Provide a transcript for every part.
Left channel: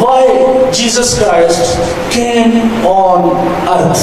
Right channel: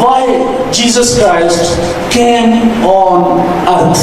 Why Jesus Christ came on earth?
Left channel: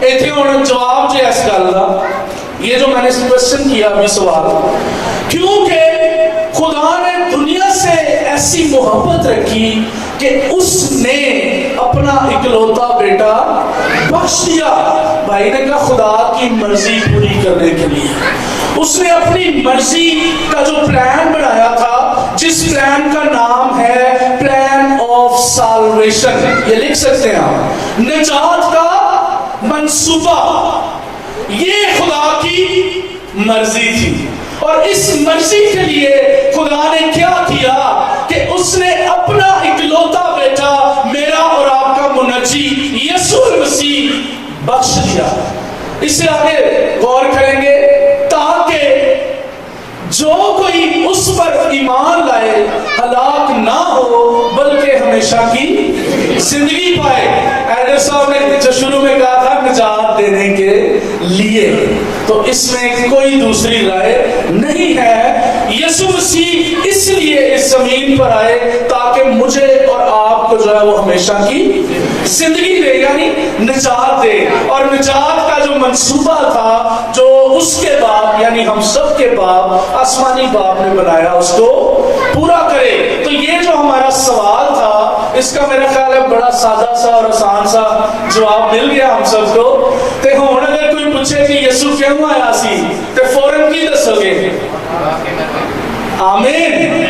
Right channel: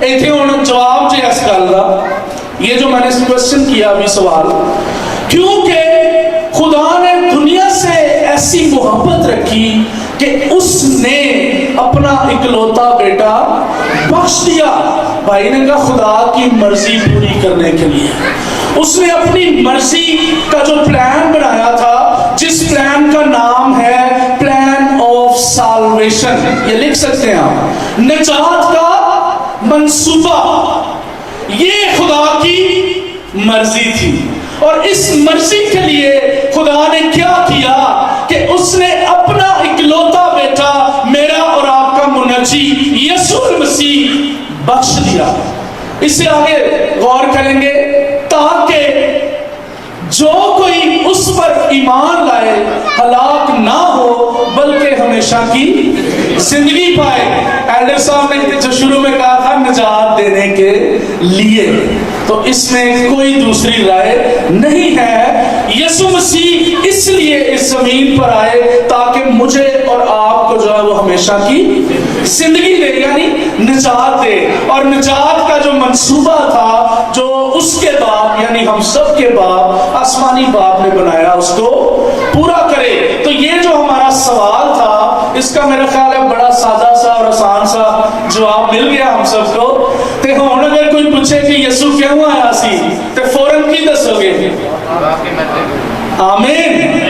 ایتھے ہوں جواب جو اس گل دا، یہ جو میں نے کوشچن کیا ابھی سوال، کیونکہ خدا نے دنیا سے ایسی محبت رکھی کہ اس نے اپنا اکلوتا بیٹا بخش دیا۔ بھائی نے کہا خدا کی مرضی پوری کرنے کے لیے اس نے اپنی مرضی کا جو پلان بنایا تھا، جس پلان کا نام ہے پلان آف سالویشن، یہ لکھ سکتے ہیں آپ، نجات کا منصوبہ، یہ خدا کی مرضی تھی۔ اور اس مرضی کے لیے خدا نے کیا کیا کہ اس نے اپنا اکلوتا بیٹا میرا اور آپ کا منجی یسوع مسیح بخش دیا۔ اس سے آگے غور کریں گے، تاکہ جو کوئی اس پر ایمان لائے ہلاک نہ ہو بلکہ ہمیشہ کی زندگی پائے۔ ایڈر صاحب نے جو شروع میں کہا تھا نجات دینے کے لیے، تو اس میں کوئی دوسری رائے نہیں ہے۔ یسوع مسیح اس لیے اس زمین پر آئے تاکہ مجھے اور آپ کو جو ہے وہ ہمیشہ کی زندگی دے، یعنی نجات دے، اور نجات کا جو منصوبہ تھا جو اس کے باپ یعنی ہم سب کے باپ آسمانی باپ نے بنایا اس کو پورا کرے۔ تو یہ جو ہمارا سوال تھا اس کا میرا خیال ہے بڑا سادہ سا اور آسان سا جواب مل گیا ہم سب کو۔ دیکھو ہوں اگر کوئی پوچھے کہ یسوع کیوں آیا سی تو فوراً کی دسو گے؟ آمین،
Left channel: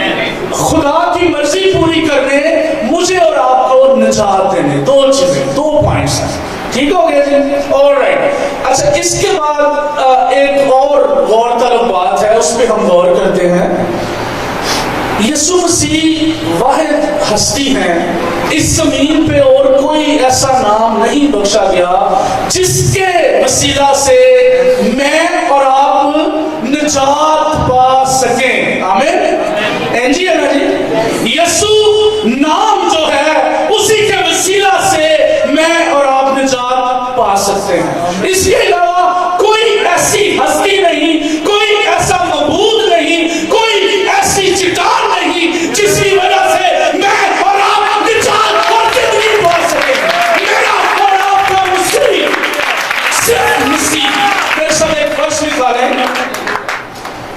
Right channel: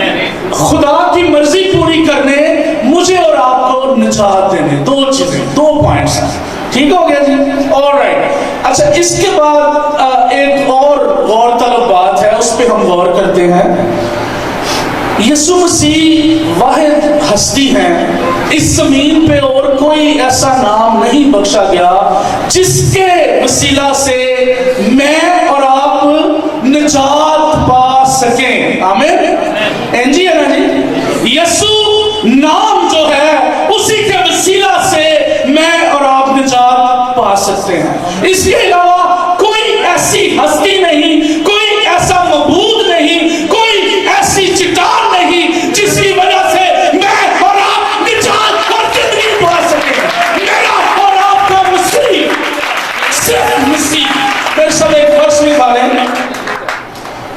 خدا کی مرضی پوری کرنے، مجھے اور آپ کو نجات دینے، دو چیزیں، دو پوائنٹس ہیں، ٹھیک ہو گیا جی؟ آلرائٹ۔ اچھا اس کے بعد ایک اور غور طلب بات ہے، اس پہ ہم غور کرتے ہیں۔ یسوع مسیح واحد ہستی ہیں، اس زمین پہ اور کوئی ایسا نام نہیں بخشا گیا جس کے وسیلہ سے میں اور آپ نجات پا سکیں۔ آمین جی، ہے نا جی؟ یسوع نام جو ہے اسی کے وسیلہ سے میں اور آپ نجات پا سکتے ہیں۔ اس کے علاوہ کوئی ایسی ہستی نہیں، کوئی ایسا معبود نہیں، کوئی ایسی چٹان نہیں جس کی وجہ سے میں اور آپ نجات اور زندگی پا سکیں۔ میرا اور آپ کا مسیح، صرف مسیح۔ پھر سب ایک ورس نکالیں،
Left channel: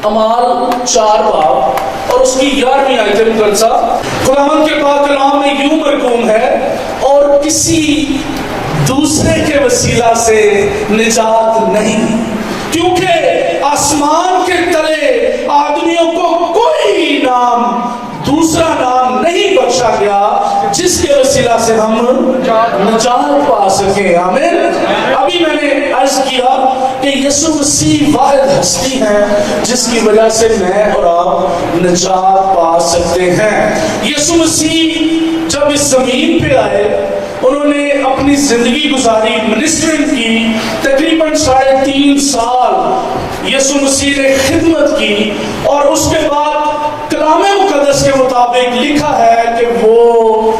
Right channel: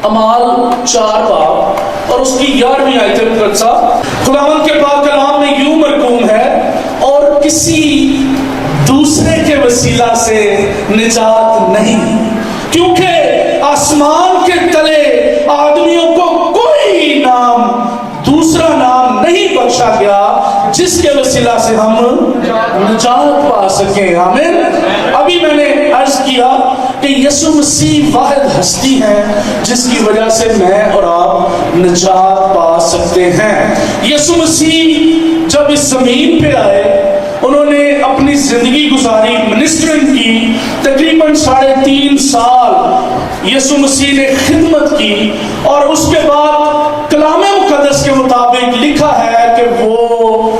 اعمال 4 باب اور اس کی 11ویں آیت مقدسہ۔ خداوند کے پاک کلام میں یوں مرقوم ہے، اور کسی دوسرے کے وسیلہ سے نجات نہیں، کیونکہ آسمان کے تلے آدمیوں کو کوئی نام، دوسرا نام نہیں بخشا گیا جس کے وسیلہ سے ہم نجات پا سکیں۔ آمین۔ ابھی میں نے عرض کیا کہ یسوع مسیح واحد ہستی ہیں جس کی وجہ سے میں اور آپ نجات پا سکتے ہیں۔ یسوع مسیح جب اس زمین پہ آئے، انہوں نے اپنی زندگی گزاری، منسٹرنگ کی، تقریباً 3.5 سال یسوع مسیح نے خدمت کی، اور اس کے بعد کلام مقدس کے مطابق لکھا ہے کہ وہ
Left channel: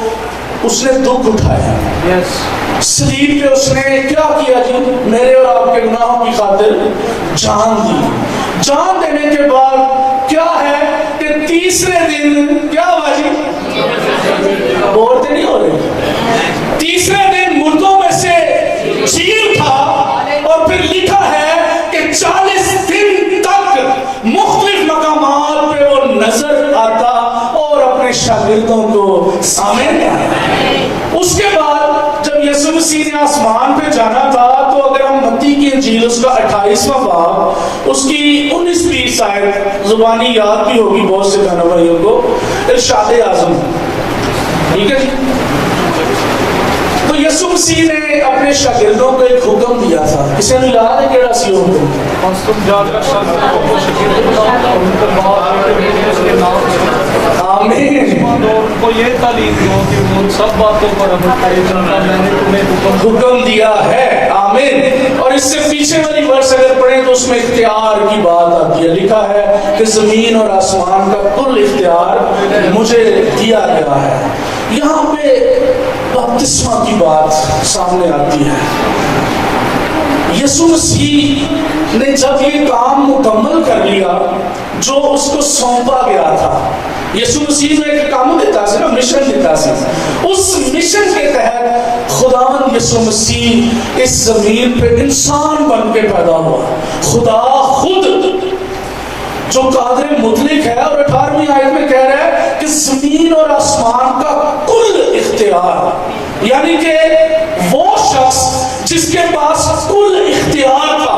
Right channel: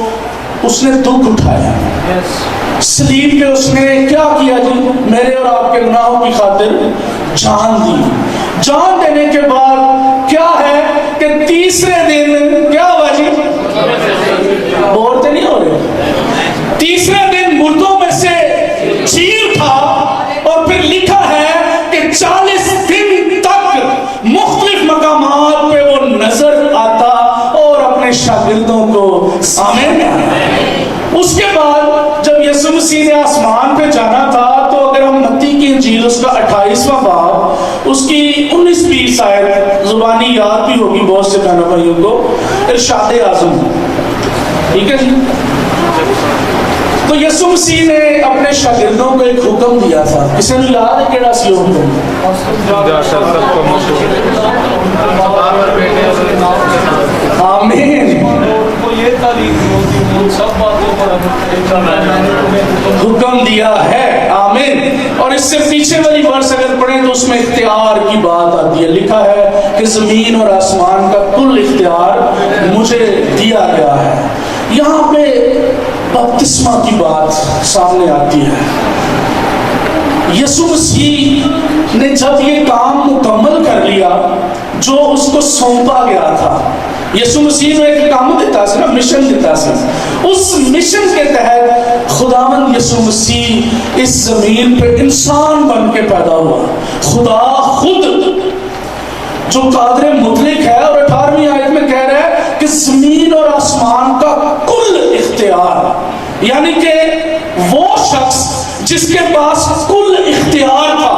اس نے دکھ اٹھایا، صلیب پہ اس نے کیا کیا جی؟ میرے اور آپ کے گناہوں کی خاطر جان دی۔ جان دینے کے بعد کیا ہے کہ تیسرے دن کیا ہوا جی؟ بولتے نہیں ہو رہے؟ تیسرے دن مردوں میں سے جی اٹھا، اور پھر لکھا ہے کہ 40 دن تک مختلف مقامات پہ وہ نظر آتا اور اپنے شاگردوں کو سامنے آیا۔ اس کے بعد جب یسوع مسیح نے آسمان پہ جانا تھا، تو اگر ہم متی کی انجیل اس کا 28واں باب اس کی 19-20 آیت زبانی یاد بھی ہوگی بہت سے بہنوں بھائیوں کو، ارشاد اعظم، ٹھیک ہے جی؟ تو یسوع مسیح نے اپنے شاگردوں کو ایک حکم دیا تھا، کسی نے یاد ہے کیڑا سی حکم؟ آمین۔ حکم دیا ہے، آمین۔ اور اس سے پیچھے والی ورس اگر پڑھیں تو اس میں اختیار کی بات آتی ہے، لکھا ہے کہ زمین اور آسمان کا کل اختیار مجھے دیا گیا ہے۔ یہاں پہ بپتسمہ کی بات سامنے آتی ہے۔ یسوع مسیح نے جب یہ کام مکمل کر لیا جو اس کو سونپا گیا تھا، یسوع مسیح نے ایک کام دیتا سی نا, مشن دیتا سی. اس مشن کے تحت خداوند یسوع مسیح اس زمین پہ انسان بن کے پیدا ہوا. خدا خود جو قادر مطلق ہے, اور 18ویں آیت میں کہہ رہا ہے کہ زمین اور آسمان کا کل اختیار, یعنی کہ وہ شخص جس کے پاس کل اختیار تھا,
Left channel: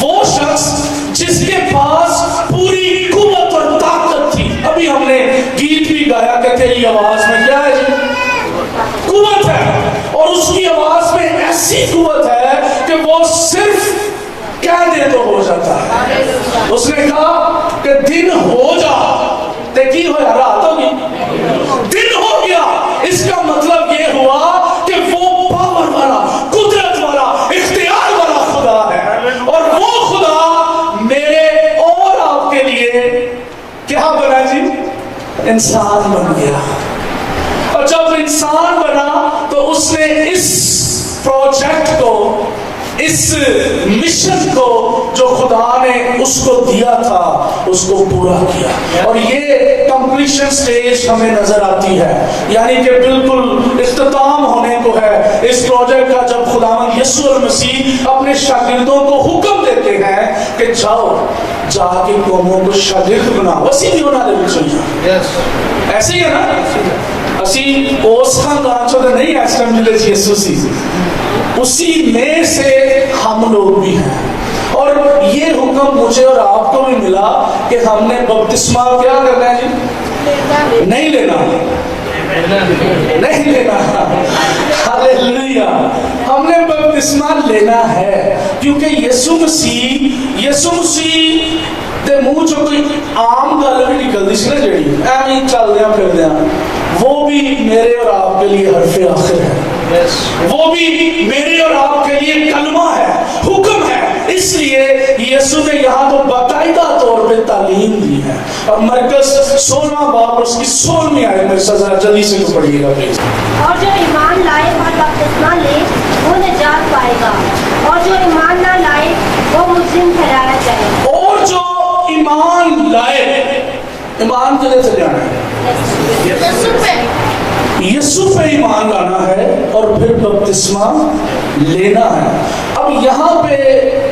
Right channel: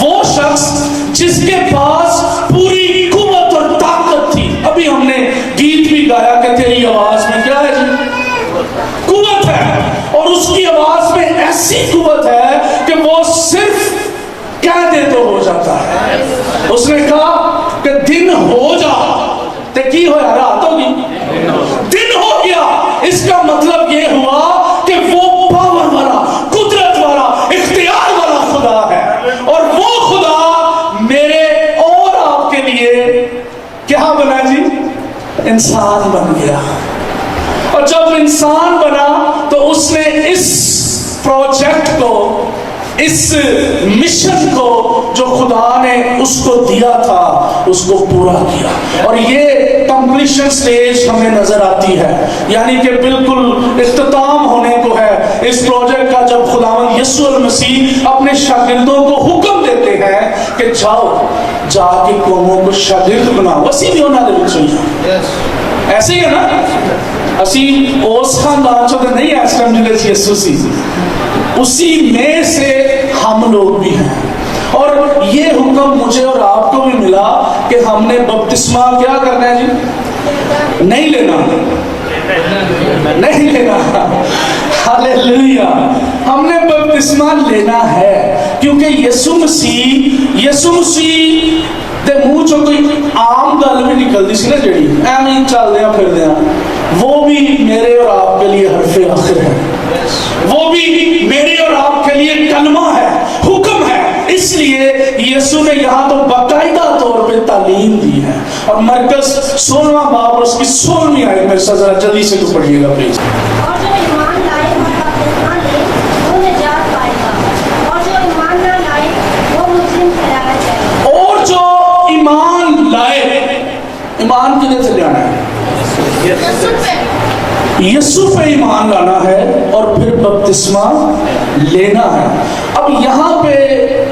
وہ شخص جس کے پاس پوری قوت اور طاقت تھی. ابھی ہم نے گیت بھی گایا کہ تیری آواز میں کیا ہے جی, قوت ہے, اور اس کی آواز میں ایسی قوت ہے کہ وہ صرف کہہ دے تو ہو جاتا ہے. اس نے کہا کہ دن ہو جا, تے کی ہو یار رات ہوگی, دن ہو گیا. اس کا مطلب یہ ہوا کہ وہ پاور والا, قدرت والا, اختیار والا خدا ہے, اور وہ خدا میرے اور آپ کے لیے کیا بنا جی, انسان بن گیا. اور جب انسان بنا تو اس نے اس پروجیکٹ کو, اس مشن کو جو خدا نے اس کو دیا تھا, اس کو پورا کیا. اور یہ کمپلیشن سٹیج ہمیں نظر آتی ہے, یعنی کہ بالکل اختتام ہونے کو ہے اس پروجیکٹ کا, جب خداوند یسوع المسیح اپنے شاگردوں کو حکم دیتے ہیں کہ جاؤ, جا کے قوموں کو شاگرد بناؤ. اسی بھی انہوں نے چاہیے, ایسے ہی ہے نا, اسی اس خاندان چو نہیں اس ٹائم ملے یسوع سی, اسی میں سے ہم لوگ بھی ہیں. اور یہ حکم مجھے اور آپ کو بھی ملا کہ ہم نے بپتسمہ کیا کرنا ہے جی, نہیں لینا, نہیں لینا. ہاللیلویا, ہم نے بپتسمہ لینا ہے, کیونکہ یسوع مسیح دے منہ چوں کوئی عام گل بھی نکلتی سی نا جڑی ایویں چلدیاں پھردیاں, وہ بھی میرے اور آپ کے لیے حرف آخر ہے, وہ بھی میرے اور آپ کے لیے کلمہ ہے, حکم ہے. اس لیے یسوع نے یہاں تو باقاعدہ طور پہ تعلیم دی ہے. اور مرکز 16واں باب اور اس کی 16ویں آیت میں ذرا جلدی سے پڑھیے گا پلیز. اور جو ایمان لائے اور بپتسمہ لے وہ نجات پائے گا, اور جو ایمان نہ لائے وہ مجرم ٹھہرایا جائے گا. اور جو ایمان لائے, ایمان کدھر سے جانا ہے, یسوع پہ ایمان لانا ہے اور پھر بپتسمہ لینا ہے. اب یہاں پہ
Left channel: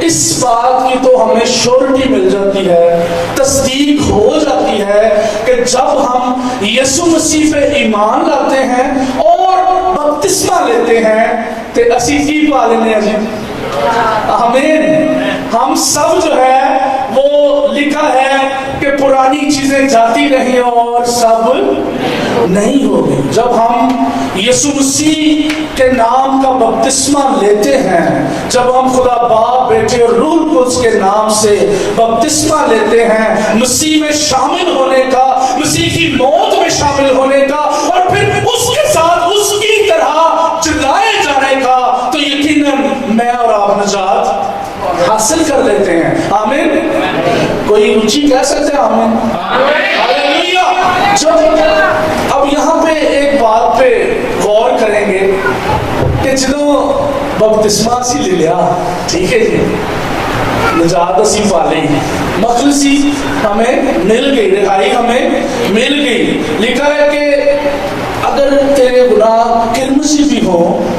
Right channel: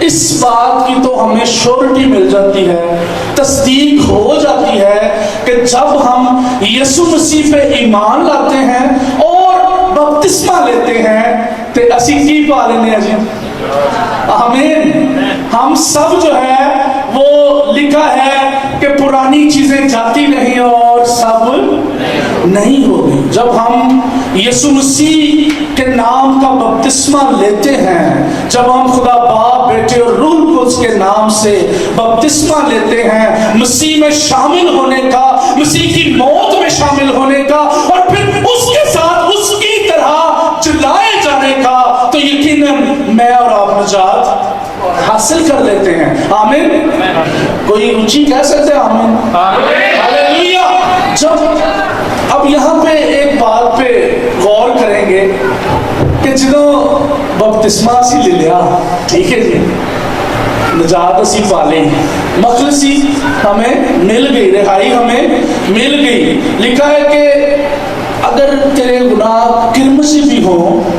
اس بات کی تو ہمیں شورٹی مل جاتی ہے, تصدیق ہو جاتی ہے کہ جب ہم یسوع مسیح پہ ایمان لاتے ہیں اور بپتسمہ لیتے ہیں تو اسی کی پا لینے ہیں. آمین. ہم سب جو ہے وہ لکھا ہے کہ پرانی چیزیں جاتی نہیں اور سب نہیں ہوگی. جب ہم یسوع مسیح کے نام کا بپتسمہ لیتے ہیں, جب ہم خدا باپ, بیٹے اور روح القدس کے نام سے بپتسمہ لیتے ہیں, مسیح میں شامل ہونے کا, مسیح کی موت میں شامل ہونے کا, اور پھر اس کے ساتھ اس کی طرح جلائے جانے کا, تو یقیناً میں اور آپ نجات حاصل کر لیتے ہیں. آمین. کوئی اونچی کہہ سکتے ہیں آمین. ہاللیلویا. جب اب یہاں پہ ایک بات پہ غور کریں گے کہ جدوں بپتسمہ سی لے لیا, ٹھیک ہے جی, نجات اسی پالے, مخلصی ہمیں مل گئی, رہائی ہمیں مل گئی. لکھا ہے کہ اگر تیرے گناہ کرمسی بھی ہوں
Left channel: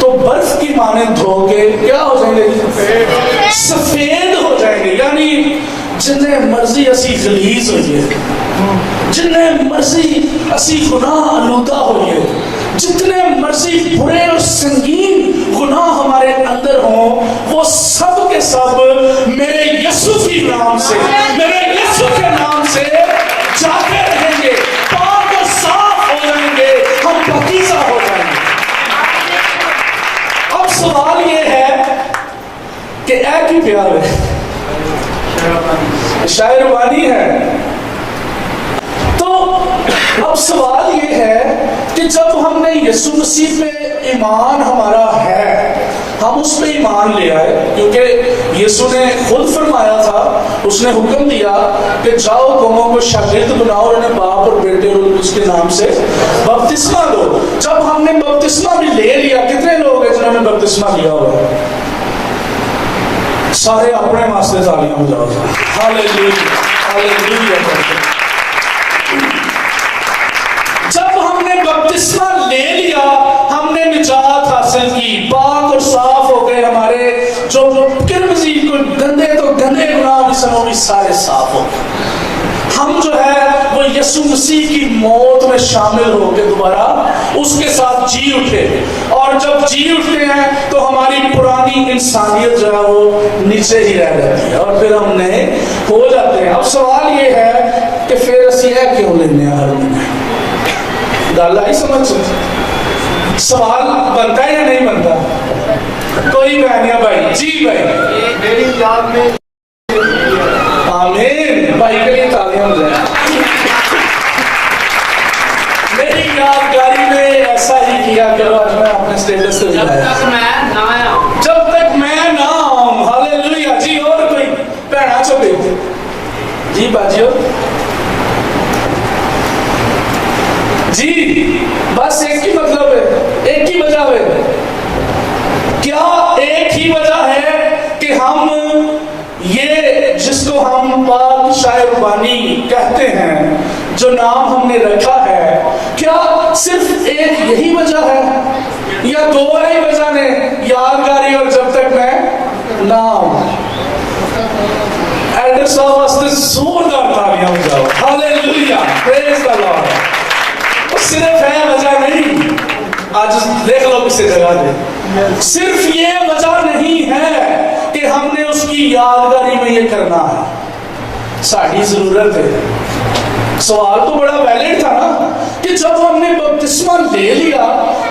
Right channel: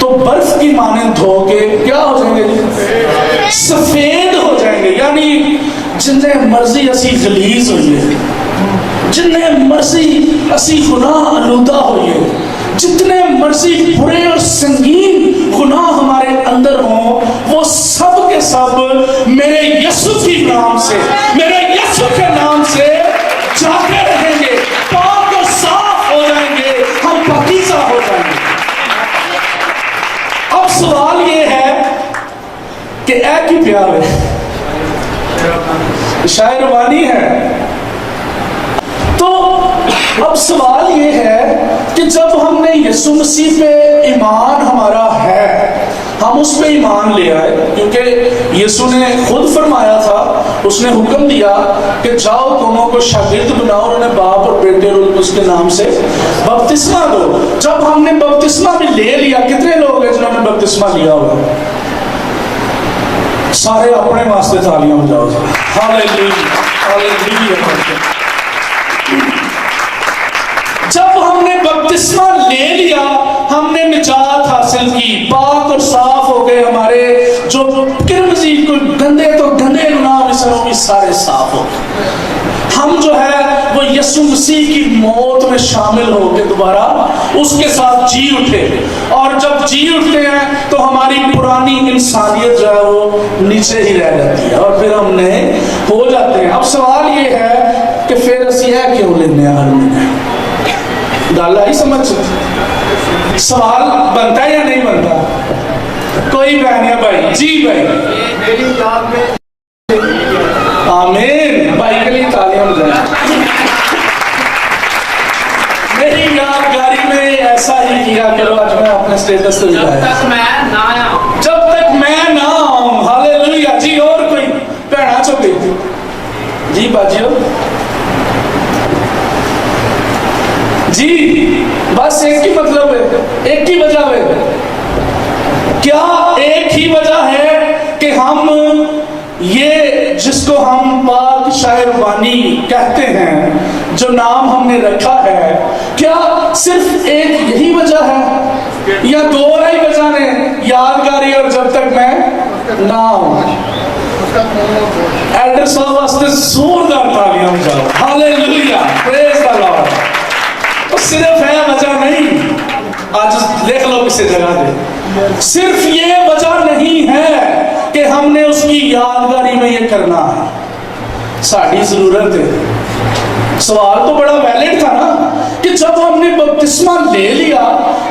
تو برف کی مانند دھو کے کیا ہو جائیں گے, سفید ہو جائیں گے. یعنی جنہیں مرضی اسی غلیظ ہوئیے, جنہیں مرضی اسی گناہ آلودہ ہوئیے, جتنے مرضی برے اور سنگین گناہ ہمارے اندر ہوں, وہ سب کے سب میرے یسوع کے نام سے, میرے یسوع کے نام سے جاتے رہیں گے, پاک اور صاف ہو جائیں گے, ہم پاکیزہ ہو جائیں گے. اب سوال یہ ہے کہ اے کی پیار ہے, شاعر وانی ہے. تو اب سوال یہ ہے کہ جب ہم نے یسوع مسیح پہ ایمان ہمارا ہے, ہم اس پہ ایمان لے آئے, کیونکہ یسوع نے خود فرمایا تھا, اس نے حکم دیا کہ جاؤ قوموں کو شاگرد بناؤ اور انہیں باپ اور بیٹے اور اس کے نام سے بپتسمہ دو. جب ہم نے بپتسمہ بھی لے لیا, کتنے لوگ ہیں جنہوں نے بپتسمہ لیا ہوا ہے؟ سارے اپنے واسطے تالیاں ہو جاؤ. ہاللیلویا, ہاللیلویا. ہم نے بپتسمہ لے لیا ہم نے نجات حاصل کی، پاک اور صاف ہو گئے، ہمارے جو کرمزی کوئی گندے تو گندے گناہ بھی سن وہ بھی سارے صاف ہو گئے۔ ہم جو ہے وہ یسوع مسیح کی موت میں شامل ہو کے دوبارہ اس کے ساتھ جی اٹھے، اور جب جی اٹھتے ہیں تو ہماری پرانی انسانیت جو ہے وہ نیچے ہی رہ جاتی ہے اور پھر ہم نئے ہو جاتے ہیں۔ اب سوال یہ ہے کہ پھر اسی ہے کیوں لینے ہر مہینے؟ گل آئی سمجھ؟ سوال بنتا ہے یا نہیں بنتا؟ کوئی بہن یا بھائی؟ جی بھائی میری یاد میں آمین، بھائی کے لیے تعلیم دیں۔ میری یادگاری میں ایسا ہی کیا کرو، آج میں اپنے اسٹیٹس کو دکھایا، جب تک میں نہ آؤں، ہاللیلویا۔ جی اور کوئی بہنا چو گئی؟ جی باجیو جی، بس ایک ہی مطلب ہے، ایک ہی وجہ ہے۔ کیا ایک ہی وجہ ہے کہ ہم یہ جس کو ہم پاک شاعر بانی کہتے ہیں، جو نام ہم نے رکھا ہے، کیا صرف ایک یہی وجہ ہے یا دو ہی وجہ نے؟ یادگاری اور جب تک میں نہ آؤں۔ ایڈر صاحب واسطے زوردار تالیاں بجاؤ، ہاللیلویا، پریز دی لارڈ۔ صرف ہے وجہ نہیں، آج دیکھ لو کسی جگہ دے، صرف یہ وجہ نہیں ہے کہ ہم نے اس کی یادگاری میں یہ کرنا ہے، ساری ضرورت ہے۔ سوال تو بڑا ویلڈ تھا نا کہ جب ہم نے بپتسمہ لے لیا،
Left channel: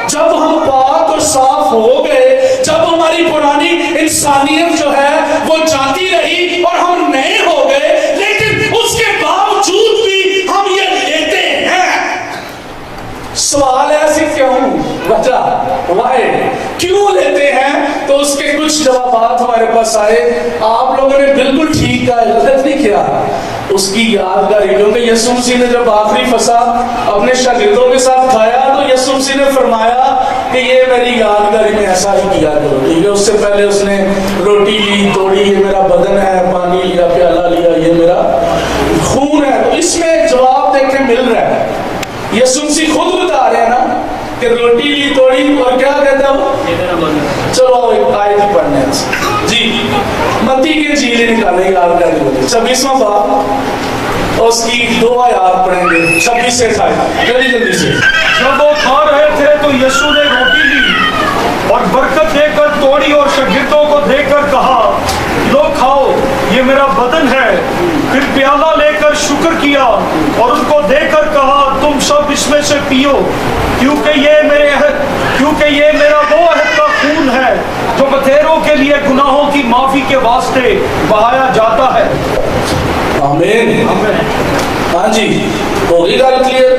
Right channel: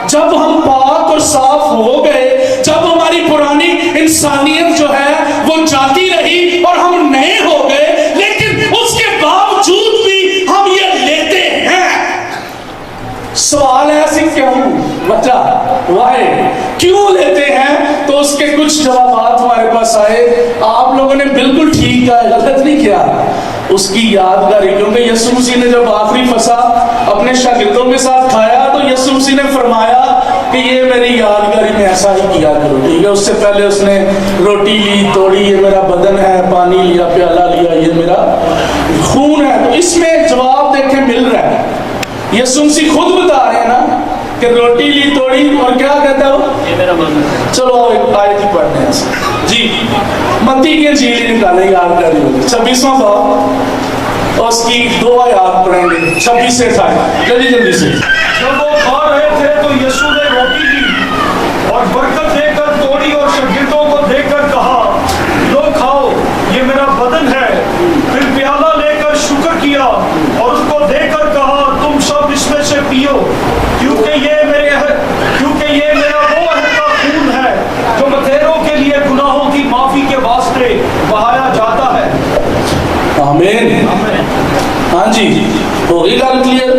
جب ہم پاک اور صاف ہو گئے، جب ہماری پرانی انسانیت جو ہے وہ جاتی رہی اور ہم نئے ہو گئے، لیکن اس کے باوجود بھی ہم یہ لیتے ہیں۔ سوال ہے ایسی کیوں؟ وجہ وائی کیوں لیتے ہیں؟ تو اس کے کچھ جوابات ہمارے پاس آئے۔ آپ لوگوں نے بالکل ٹھیک کہا، غلط نہیں کیا، اس کی یادگاری، کیونکہ یسوع مسیح نے جب آخری فسح اپنے شاگردوں کے ساتھ کھایا تو یسوع مسیح نے فرمایا کہ یہ میری یادگاری میں ایسا ہی کیا کرو، ٹھیک ہے؟ اس سے پہلے اس نے روٹی لی، توڑی، یہ میرا بدن ہے، پانی لیا، پیالہ لیا، یہ میرا خون ہے۔ تو اس میں جواب دیکھیں مل رہا ہے، یسوع مسیح خود بتا رہے ہیں نا کہ روٹی لی، توڑی، اور کیا کہتا ہے وہ؟ چلو ایک آیت ہی پڑھنے ہیں۔ جی متی کی انجیل نکالیں، یادگاری والے 26واں باب، اور اس کی 2 آیات پڑھیں گے، 26 سے 28، جلدی جلدی سے۔ جب وہ کھا رہے تھے تو یسوع نے روٹی لی اور برکت دے کر توڑی اور شاگردوں کو دے کر کہا، لو کھاؤ، یہ میرا بدن ہے۔ پھر پیالہ لے کر شکر کیا اور اس کو دے کر کہا، تم سب اس میں سے پیو، کیونکہ یہ میرا وہ عہد کا خون ہے جو بتیروں کے لیے گناہوں کی معافی کے واسطے بہایا جاتا ہے۔ آمین۔ ہاں جی، ہوگی گل کلیئر؟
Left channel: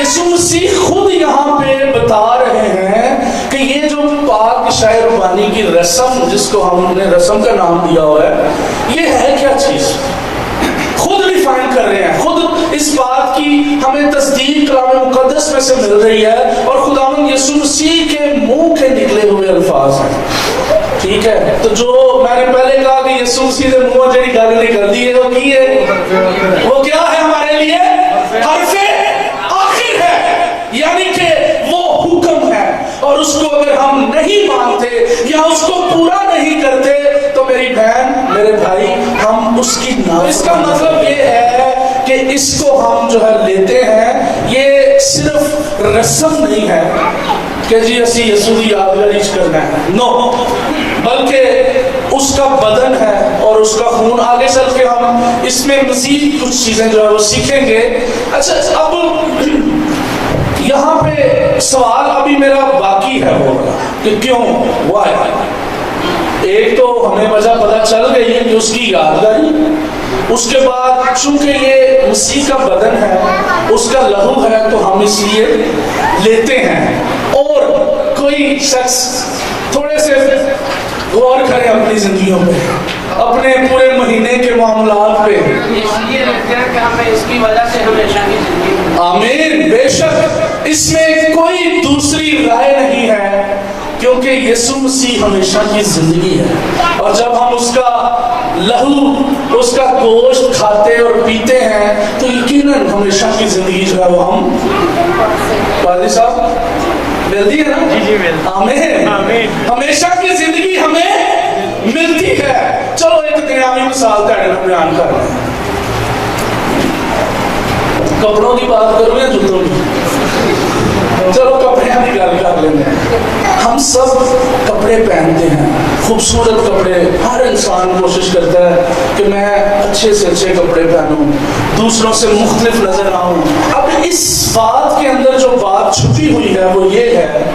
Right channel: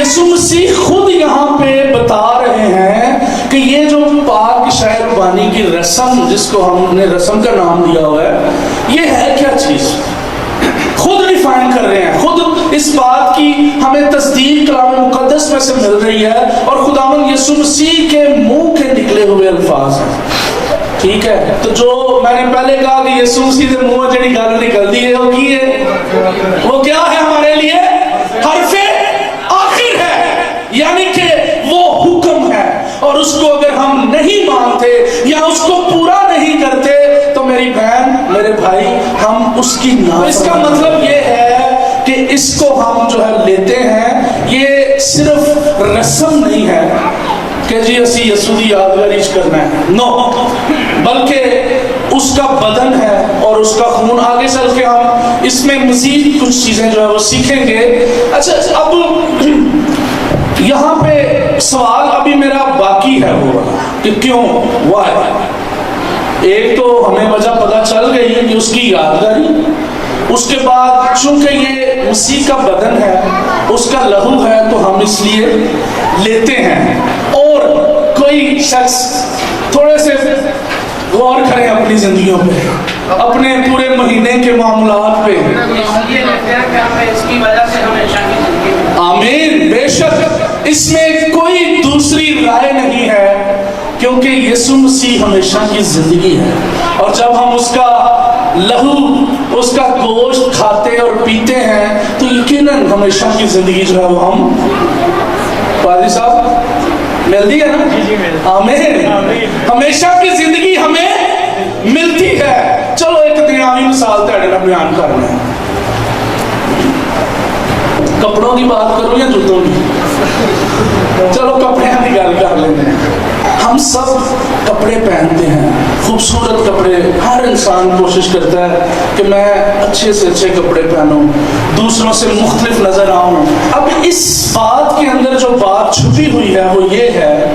یسوع مسیح خود یہاں پہ بتا رہے ہیں کہ یہ جو پاک شاعر بانی کی رسم، جس کو ہم نے رسم کا نام دیا ہوا ہے، یہ ہے کیا چیز؟ خود ڈیفائن کر رہے ہیں، خود اس بات کی ہمیں تصدیق کلام مقدس میں سے مل رہی ہے، اور خداوند یسوع مسیح کے منہ کے نکلے ہوئے الفاظ ہیں، ٹھیک ہے؟ تو جو میں نے پہلے کہا کہ یسوع مسیح کے منہ جڑی گل نکلتی ہے وہ کی ہے؟ وہ کیا ہے ہمارے لیے؟ حرف آخر ہے، یعنی کہ وہ حکم ہے، اور اس کو اگر ہم نہیں مانتے یا اس کو پورا نہیں کرتے تو میری بہن، میرے بھائی، ہم اس کی اس کا مطلب یہ ہے کہ اس کو ہم جو ہے لیتے ہیں، یہ صرف رسم نہیں ہے کہ جی اسی یسوع دی یادگاری کرنا ہے، نو، بلکہ اس کا بدن ہے اور اس کا خون۔ آگے چل کے ہم اس میں مزید کچھ چیزیں جو ہے وہ سیکھیں گے۔ اچھا، اب یہاں پہ سوال ابھی میرا باقی ہے وہ کہ کیوں، وائی؟ ایک تو ہمیں وجہ پتہ چل گئی ہے کہ اس کی یادگاری، اس کے بعد چونکہ یہ مسیح کا بدن ہے، اس کا لہو ہے، تو ہم اس لیے لیتے ہیں۔ اور کوئی شخص تھوڑے سے غور کریں اپنی زندگیوں پہ، اپنے پورے مہینے کے معاملات پہ۔ آمین، بے شک اس میں کوئی دوسری رائے نہیں ہے، کیونکہ یسوع مسیح ہمیشہ کی زندگی ہے، اور جب ہم اس کا لہو، اس کا گوشت کھاتے اور پیتے ہیں تو یقیناً ہمیشہ کی زندگی جو ہے وہ ہم قاضی صاحب ملتی ہے نا؟ جی ملتی۔ آمین۔ ہمیشہ کی زندگی ہمیں ملتی ہے۔ چلو ایک دنیاوی مثال تیرے نال بیان کرنا ہے۔ کپڑوں کی بات کروں یا جوتوں کی؟ چلو کپڑے کی گل کر لیتے ہیں۔ ہم سب کپڑے پہنتے ہیں، خوبصورت کپڑے، ہر انسان کوشش کرتا ہے کہ میں اچھے سے اچھے کپڑے پہنوں، دوسروں سے مختلف نظر آؤں۔ اب اس بات کے اندر جو بات چھپی ہوئی ہے وہ یہ ہے،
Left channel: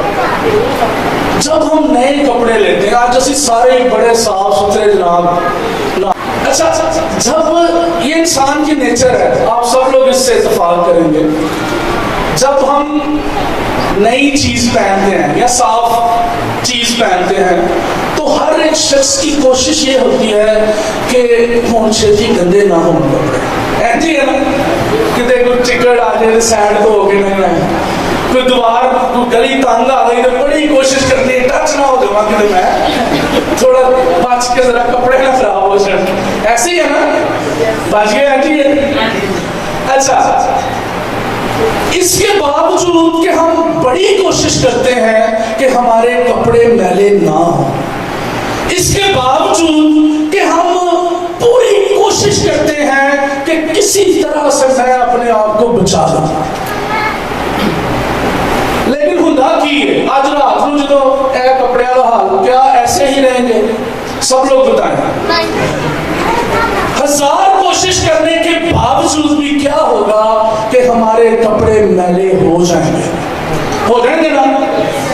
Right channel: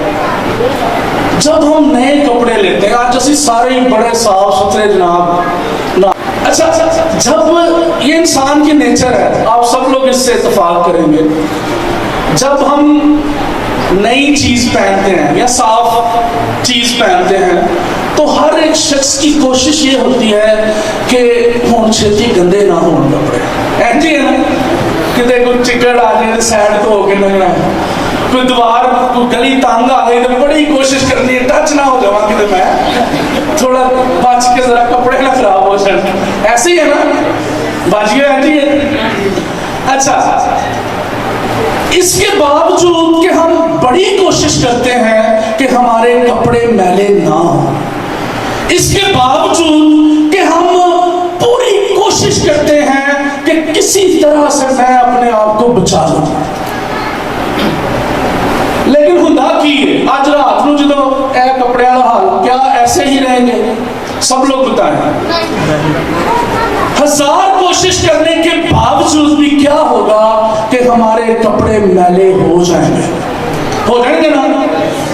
جب ہم نئے کپڑے لیتے ہیں، آج اسی سارے بڑے صاف ستھرے جناب، اچھا جب یہ انسان کی نیچر ہے، آپ سب لوگ اس سے اتفاق کریں گے، جب ہم نئی چیز پہنتے ہیں یا صاف چیز پہنتے ہیں تو ہر ایک شخص کی کوشش یہ ہوتی ہے کہ ہون چھتی گندے نہ ہوں کپڑے، ایسی ہے نا، کتے کوئی چکڑ آ جائے سائڈ تو ہو کے نہیں، کوئی دیوار کوئی گلی تنگ آ گئی تو بڑی کوشش کرنی ہے ٹچ نہ ہو جاؤں کہ میں تھوڑا بچ کے ذرا کپڑے نہ خراب ہو جائیں، ایسے ہی ہے نا، بچ گیا ایسی ہے۔ اچھا اس کے باوجود کہ ہم بڑی کوشش کرتے ہیں کہ ہمارے کپڑے میلے نہ ہوں، اس کے باوجود کہ ہم پوری کوشش کرتے ہیں کہ کسی طرح سے میں اپنے آپ کو بچا لوں، لیکن ہندا کی آج رات نو جدو اے کپڑے والا حال کیا ایسے ہی رہیں گے؟ سب لوگ بتائیں، ہزار کوشش کرنے کے باوجود بھی کیا ہوگا کہ ہمارے کپڑے میلے ہو جائیں گے، ہو جائیں گے نا؟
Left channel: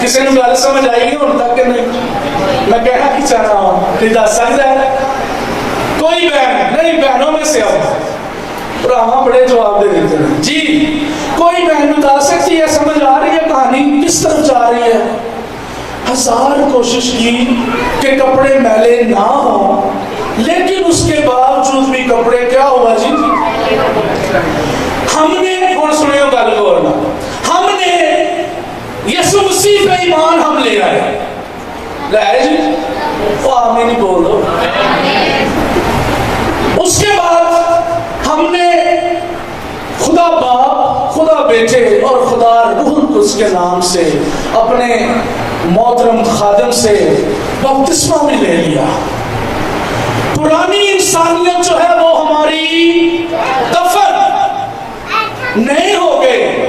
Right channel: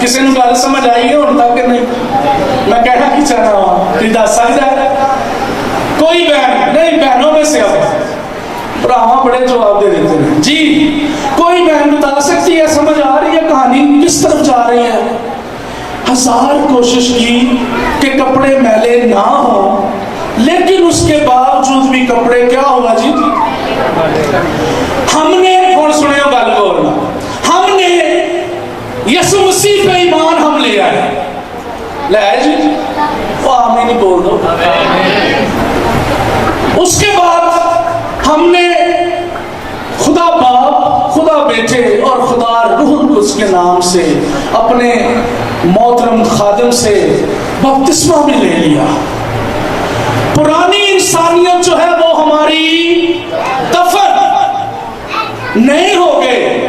کسی نے گل سمجھ آئی ہے ان تک کہ نہیں؟ میں کہنا کی چاہ رہا ہوں کہ دس سکتا ہے کوئی بہن نہیں؟ بہنوں میں سے اب براہما بڑے جواب دے دیتے ہیں جی، کوئی بہن بتا سکتی ہے، سمجھ آ رہی ہے کہانی کس طرف جا رہی ہے؟ ہزار کوشش کی کہ کپڑے میلے نہ ہوں، لیکن اس کے باوجود بھی کپڑے کیا ہوا جی؟ ہم نے اور سنے گل بولنا، ہم نے یسوع مسیح پہ ایمان ہم لے آئے جی، وہ آمین نہیں بول دو۔ اس کے بعد ہم نے خدا باپ، خدا بیٹے اور خدا روح القدس کے نام سے اپنے محترم خادم سے بپتسمہ بھی لے لیا۔ پرانی انسانیت جو ہے وہ ہماری دفن، نئے ہو گئے،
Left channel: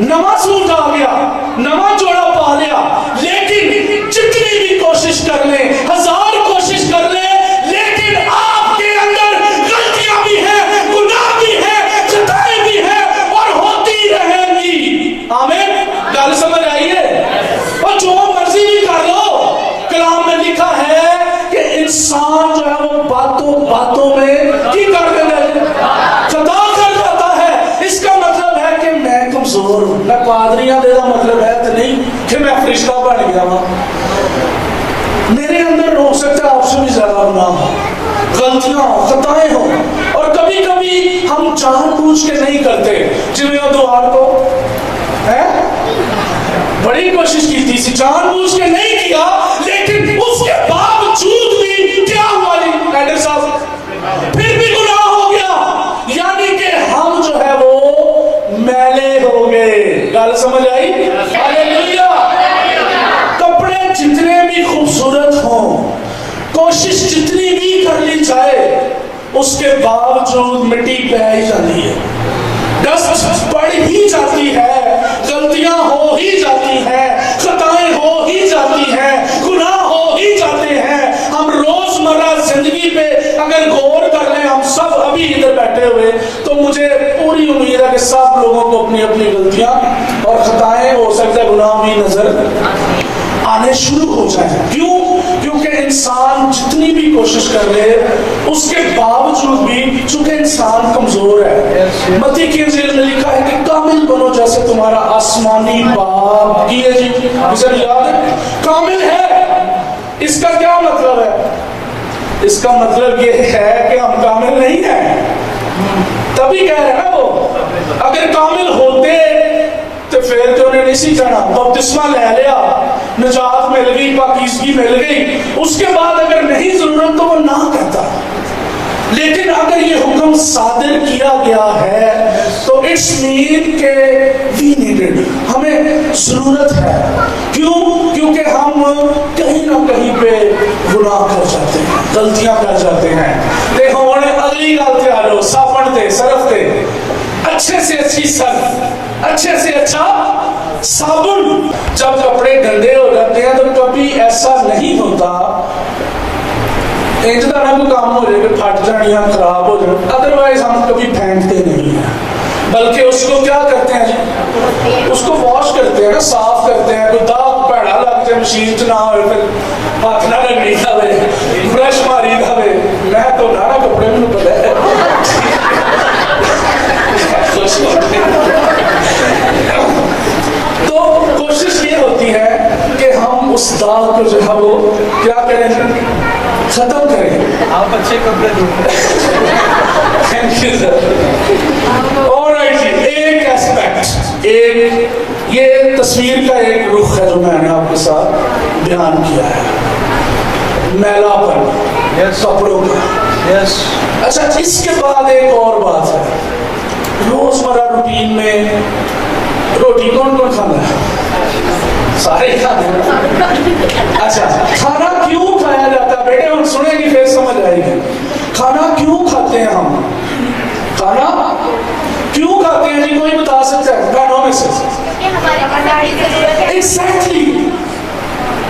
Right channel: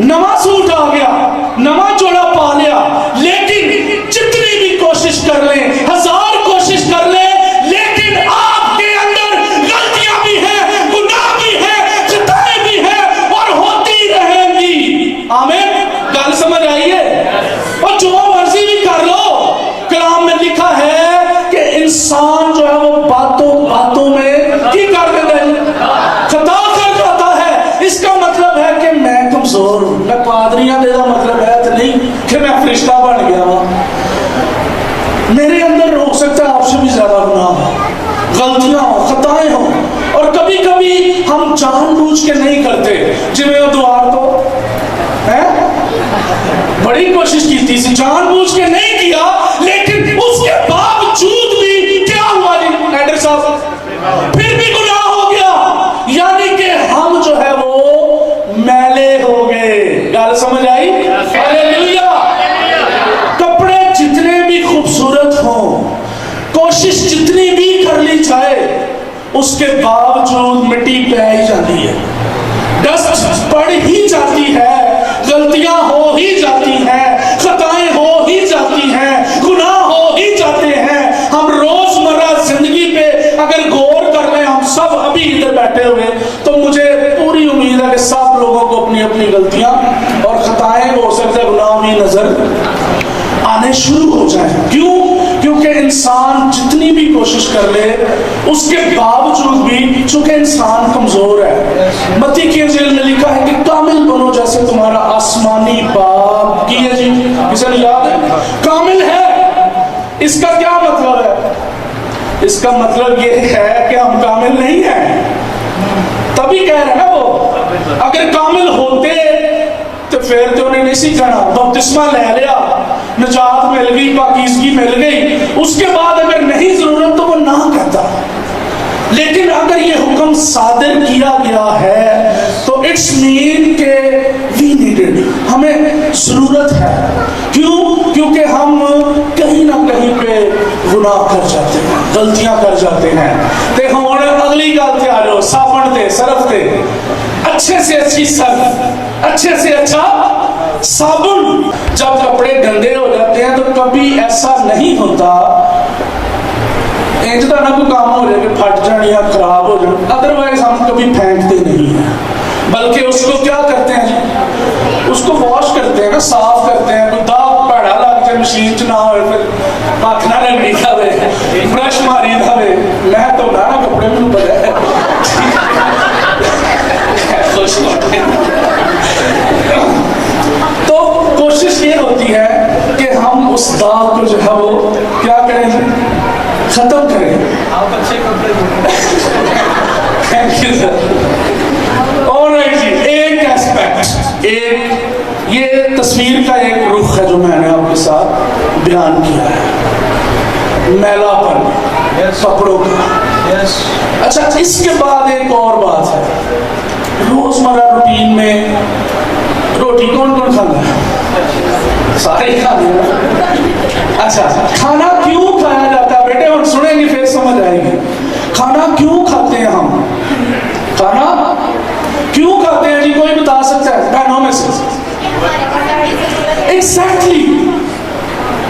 نواں سوٹ آ گیا، نواں جوڑا پا لیا، لیکن جتنی بھی کوشش کر لیں، ہزار کوشش کر لیں، لیکن آپ کے اندر غلطیاں بھی ہیں، گناہ بھی ہیں، خطائیں بھی ہیں اور ہوتی رہیں گی۔ آمین، گل سمجھ آئی ہے؟ اور جو مرضی بھی کر لو، کلام میں لکھا ہے کہ انسان جو ہے وہ باتوں میں کی کر دیتا ہے، خطا کر جاتا ہے۔ اس کا مطلب ہے کہ میں کمزور ہوں، میں پادریاں دے دا مطلب ہے تو نہیں کہ میں فرشتہ بن گیا ہوں، میرے اندر ہو سکتا ہے آپ سے بھی زیادہ گناہ ہو، غلطیاں ہوں، خطائیں ہوں، اور کبھی کبھی ہم جان بوجھ کے نہیں کرتے، جنہیں وہ دوار کو بڑی کوشش کی تھی، جان بوجھ کے نہیں کیا، لیکن اس کے باوجود بھی کیا ہوا جی ایڈر صاحب؟ پھر بھی گناہ ہو گیا، یعنی کہ ہم جو ہے وہ میلے ہو گئے۔ گل سمجھ آئی؟ ہاللیلویا۔ کپڑے جتنے بھی خوبصورت ہوں، کوشش جتنی بھی کر لی جائے، اس کے باوجود مٹی پہ ہی جاتی ہے، ڈسٹ پڑ ہی جاتی ہے، غلطیاں ہو ہی جاتی ہیں، خطائیں ہو ہی جاتی ہیں، گناہ ہو ہی جاتے ہیں۔ ہم روزمرہ زندگی پہ اگر غور کر لیں، ہم سب ابھی ادھر بیٹھے ہوئے، تو مجھے پوری امید ہے کہ سب لوگوں کو اپنی اپنی غلطیاں اور خطائیں، ہو سکتا ہے گناہ بھی نظر آنے شروع ہو جائیں۔ کیوں؟ کیونکہ انسان جتنی بھی کوشش کر لے، اس کے باوجود بھی چونکہ انسان کمزور ہے۔ متی کی انجیل میں لکھا ہے کہ کامل بنو جیسے تمہارا آسمانی باپ کی ہے جی، اسے یاد ہے کامل ہے۔ اس کا کیا مطلب ہے؟ اس کا مطلب یہ ہے کہ ہم کامل نہیں ہیں، تبھی کہہ رہے ہیں نا وہ، اگر کامل ہوتے تو پھر تو انہیں نہیں سی کہنا، بپتسمہ لے لیا، نجات مل گئی، پاکیزگی مل گئی، اس کے بعد اگر نہیں ضرورت تو وہ نہ کہتا۔ لیکن اگر یہ حکم صادر کیا گیا ہے تو اٹس مین کہ وی نیڈڈ، ہمیں ضرورت ہے. کیوں؟ کیونکہ ہم کہیں نہ کہیں پہ گناہ کر جاتے ہیں, غلطیاں کر جاتے ہیں. تے ہوں اگلی گل تے آ جاؤ, صابن تے سرف تے. اچھے سے اچھی سرف, اچھے سے اچھا صابن. جب کپڑے گندے ہو جاتے ہیں تو کبھی ایسا نہیں ہوتا انج کا نہ کوئی کام ہو جائے کہ پھٹ جان یا خراب ہو جائے, ادروائز ہم کبھی پھینکتے نہیں ہیں, بلکہ اس کو کیا کرتے ہیں جی, اس کو واش کرتے ہیں نا, صاف کرتے ہیں. کوئی داغ پیڑا لگ جائے مشین چ نہ ہوئے پھر ہاتھ نہ لگنی کھاوے, برش ماری کھاوے. میں تو نہ کپڑے میں پتا ہے تو کوشش یہ ہوتی ہے کہ ہم اس داغ کو جو ہے وہ کیا کریں, ختم کریں. آپ اچھے کپڑے تھینک یو سر. اور ایک ایسپیکٹ, ایک یہ تصویر کا ایک رخ ہے جو میں نے آپ کے ساتھ بیان کیا ہے, میلا پر کپڑوں کا. اچھا, اس کے بعد ایک اور بات ہے. روزمرہ روٹین میں روٹی کون کون کھانا ہے؟ سارے کھانے ہیں. اچھا, کھانا کیوں کھایا جاتا ہے بیٹے, ہم سنیں گے پھر سمجھ آئے گی. کھانا کیوں کھاتے ہیں ہم, کھانا کیوں کھاتے ہیں جی, کوئی بتا سکتا ہے بہنوں میں سے؟ ایگزیکٹلی,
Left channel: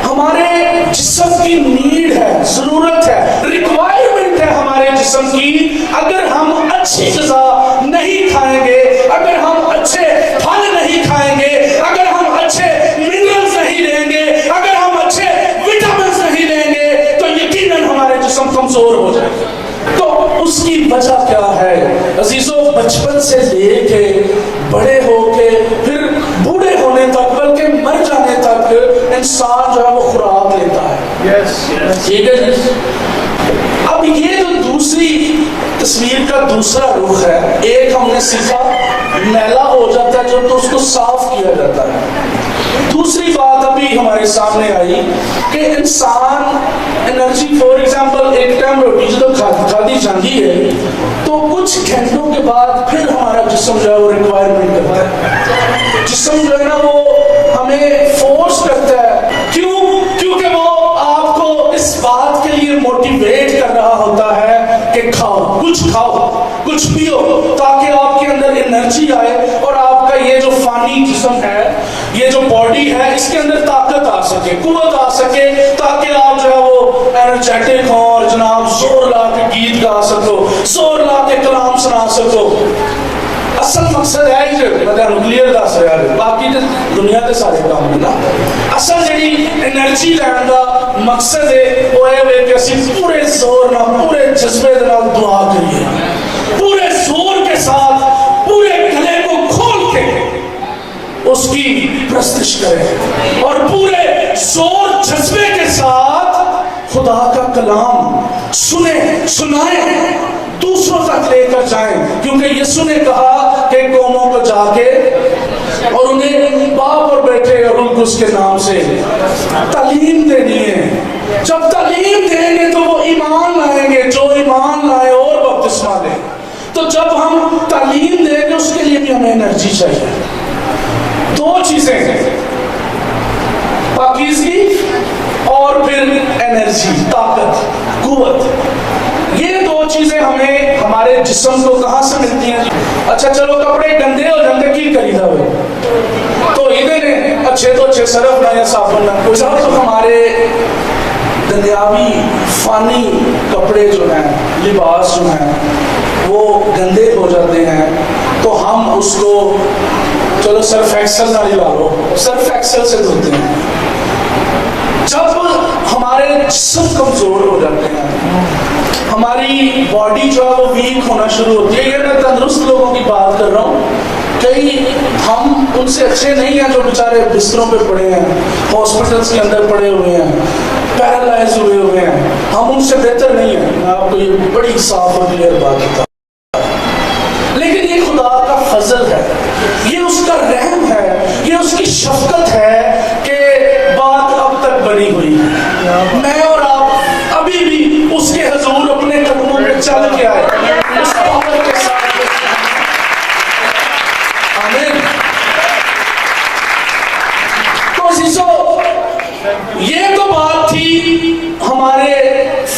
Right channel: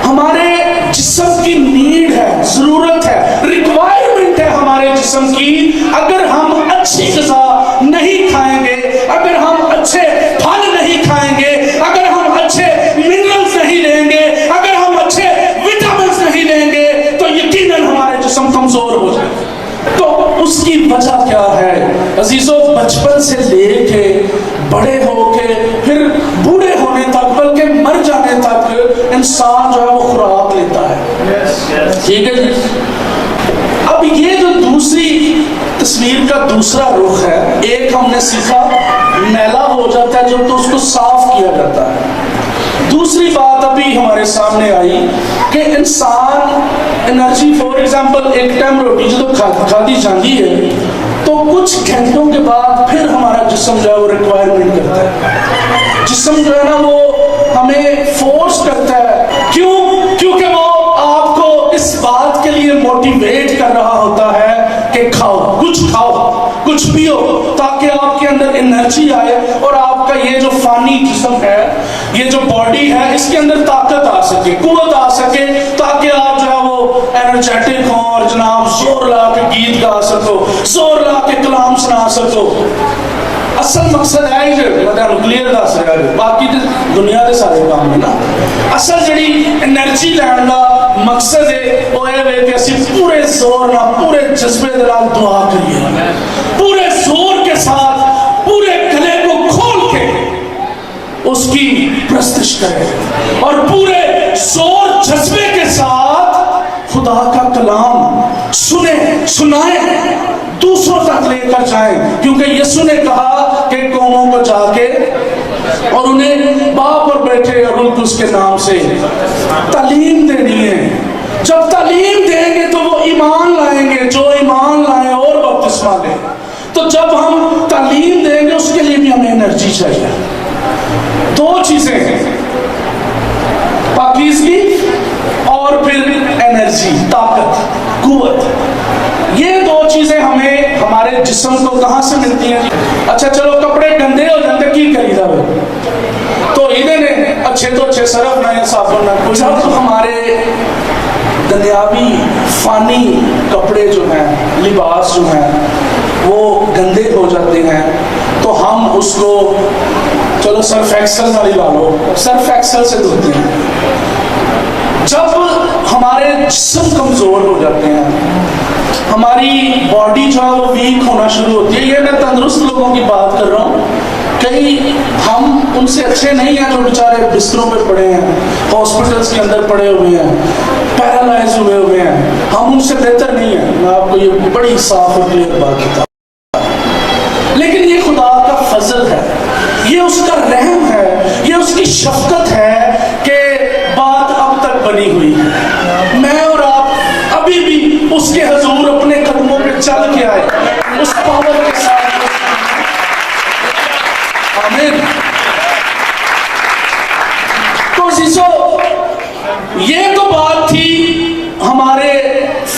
ہمارے جسم کی نیڈ ہے, ضرورت ہے, ریکوائرمنٹ ہے ہمارے جسم کی. اگر ہم اچھی غذا نہیں کھائیں گے, اگر ہم اچھے پھل نہیں کھائیں گے, اگر ہم اچھے منرلز نہیں لیں گے, اگر ہم اچھے وٹامنز نہیں لیں گے تو یقیناً ہمارے جسم کمزور ہو جائے گا. تو اس کی وجہ کیا ہے عزیزو؟ بچپن سے لے کے بڑے ہو کے پھر بوڑھے ہونے تک, بلکہ مر جانے تک انسان جو ہے وہ خوراک لیتا ہے. ٹھیک ہے جی. اب یہ جو دوسری تصویر کا دوسرا رخ ہے, ایک ہم نے سیکھا میلا ہو جاتا ہے جو تو اس کو صاف کیا جاتا ہے. دوسری بات ابھی ہمارے سامنے آئی کہ انسان انرجی, فور ایگزامپل ایک ٹائم روٹی جو کھادی جاتی ہے تو کچھ گھنٹوں کے بعد پھر ہمارا جسم جو ہے وہ ریکوائرمنٹ کرتا ہے. جسم جو ہے نا وہ ہمیں فورس کرتا ہے. کیوں؟ کیونکہ وہ آپ کو اس بات کے لیے موٹیویٹ کر رہا ہوتا ہے کہ کھاؤ, کچھ پیو, تاکہ آپ کے اندر انرجی آئے اور آپ کا یہ جو فانی جسم ہے, یہ جو باڈی ہے, اس کے اندر طاقت آ سکے, قوت آ سکے, تاکہ آپ جو ہے وہ انرجیٹک ہوں اور جناب زور لا کے گیت گا سکو, زور لا کے کلام سنا سکو. اصل مقصد ہے جو میں کلیئر دس رہا ہے, باقی دنیا کے سارے کام ہے نا. اصل جڑی انرجی لین کا مقصد ہے وہ ہے کہ اسی پورے زور نال, پورے جذبے دے نال دعا کریے, پورے زور کے ساتھ, پورے گلے کو کھول کے اس کی پرستش کریں اور پورے زور جذبے کے ساتھ خدا کا کلام سنائیں, دوسروں تک لے کر جائیں. کیونکہ یسوع نے کہا کہ قوموں کو جا کے اور انہیں باپ پر بیٹھے اور ان کو اس کے نام سے تعلیم دینی ہے. جب تعلیم دیں گے تو وہ ایمان لائیں گے, جو ایمان لائے اور بپتسمہ لیں. تو جب ہم تعلیم دیں گے اس کے لیے بھی ہمیں انرجی چاہیے. دو چیزیں ہیں, پاکیزگی اور پھر انرجی, طاقت, قوت. یہ دو چیزیں ہمیں ہمارے جسم کو کہاں سے ملتی ہیں؟ اچھا چلو کپڑے گندے ہو جاتے کی کری تھا تو ادھر اچھے تو اچھے صرف نہ یا صابن نہ کچھ. جب ہمارے دنیاوی فانی کپڑے جو ہیں, لباس جو ہیں وہ گندے ہو جاتے ہیں تو ہم اس کو چلو سرف ایکسل نہ لگا لو, سرف ایکسل سے دھوتے ہیں. جب ہمارے جسم کمزور ہو جاتے ہیں, ہماری باڈی جو ہے وہ ویک ہونا شروع ہوتی ہے. یہ میں تندرست لوگوں کی بات کر رہا ہوں, کئی ہم ان سے اچھے نہیں ہیں جو بیچارے بستروں پہ پڑے ہیں, ہاسپٹلس کے اندر پڑے ہوئے ہیں, پیرالائز ہوئے ہیں. ہم ان سے بہتر نہیں ہیں, میں آپ کو یہ بڑی صاف اور کلیئر بات بتا. لیکن یہ خدا کا فضل ہے, یہ اس کا رحم ہے, یہ اس کی شفقت ہے کہ بات اب تک بنی ہوئی ہے. میں اور آپ ابھی بھی اس کے حضور اپنے قدموں پہ چل کے آئے اس پاور کے ساتھ. آمین.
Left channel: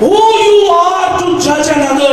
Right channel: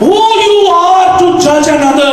Who you are to judge another?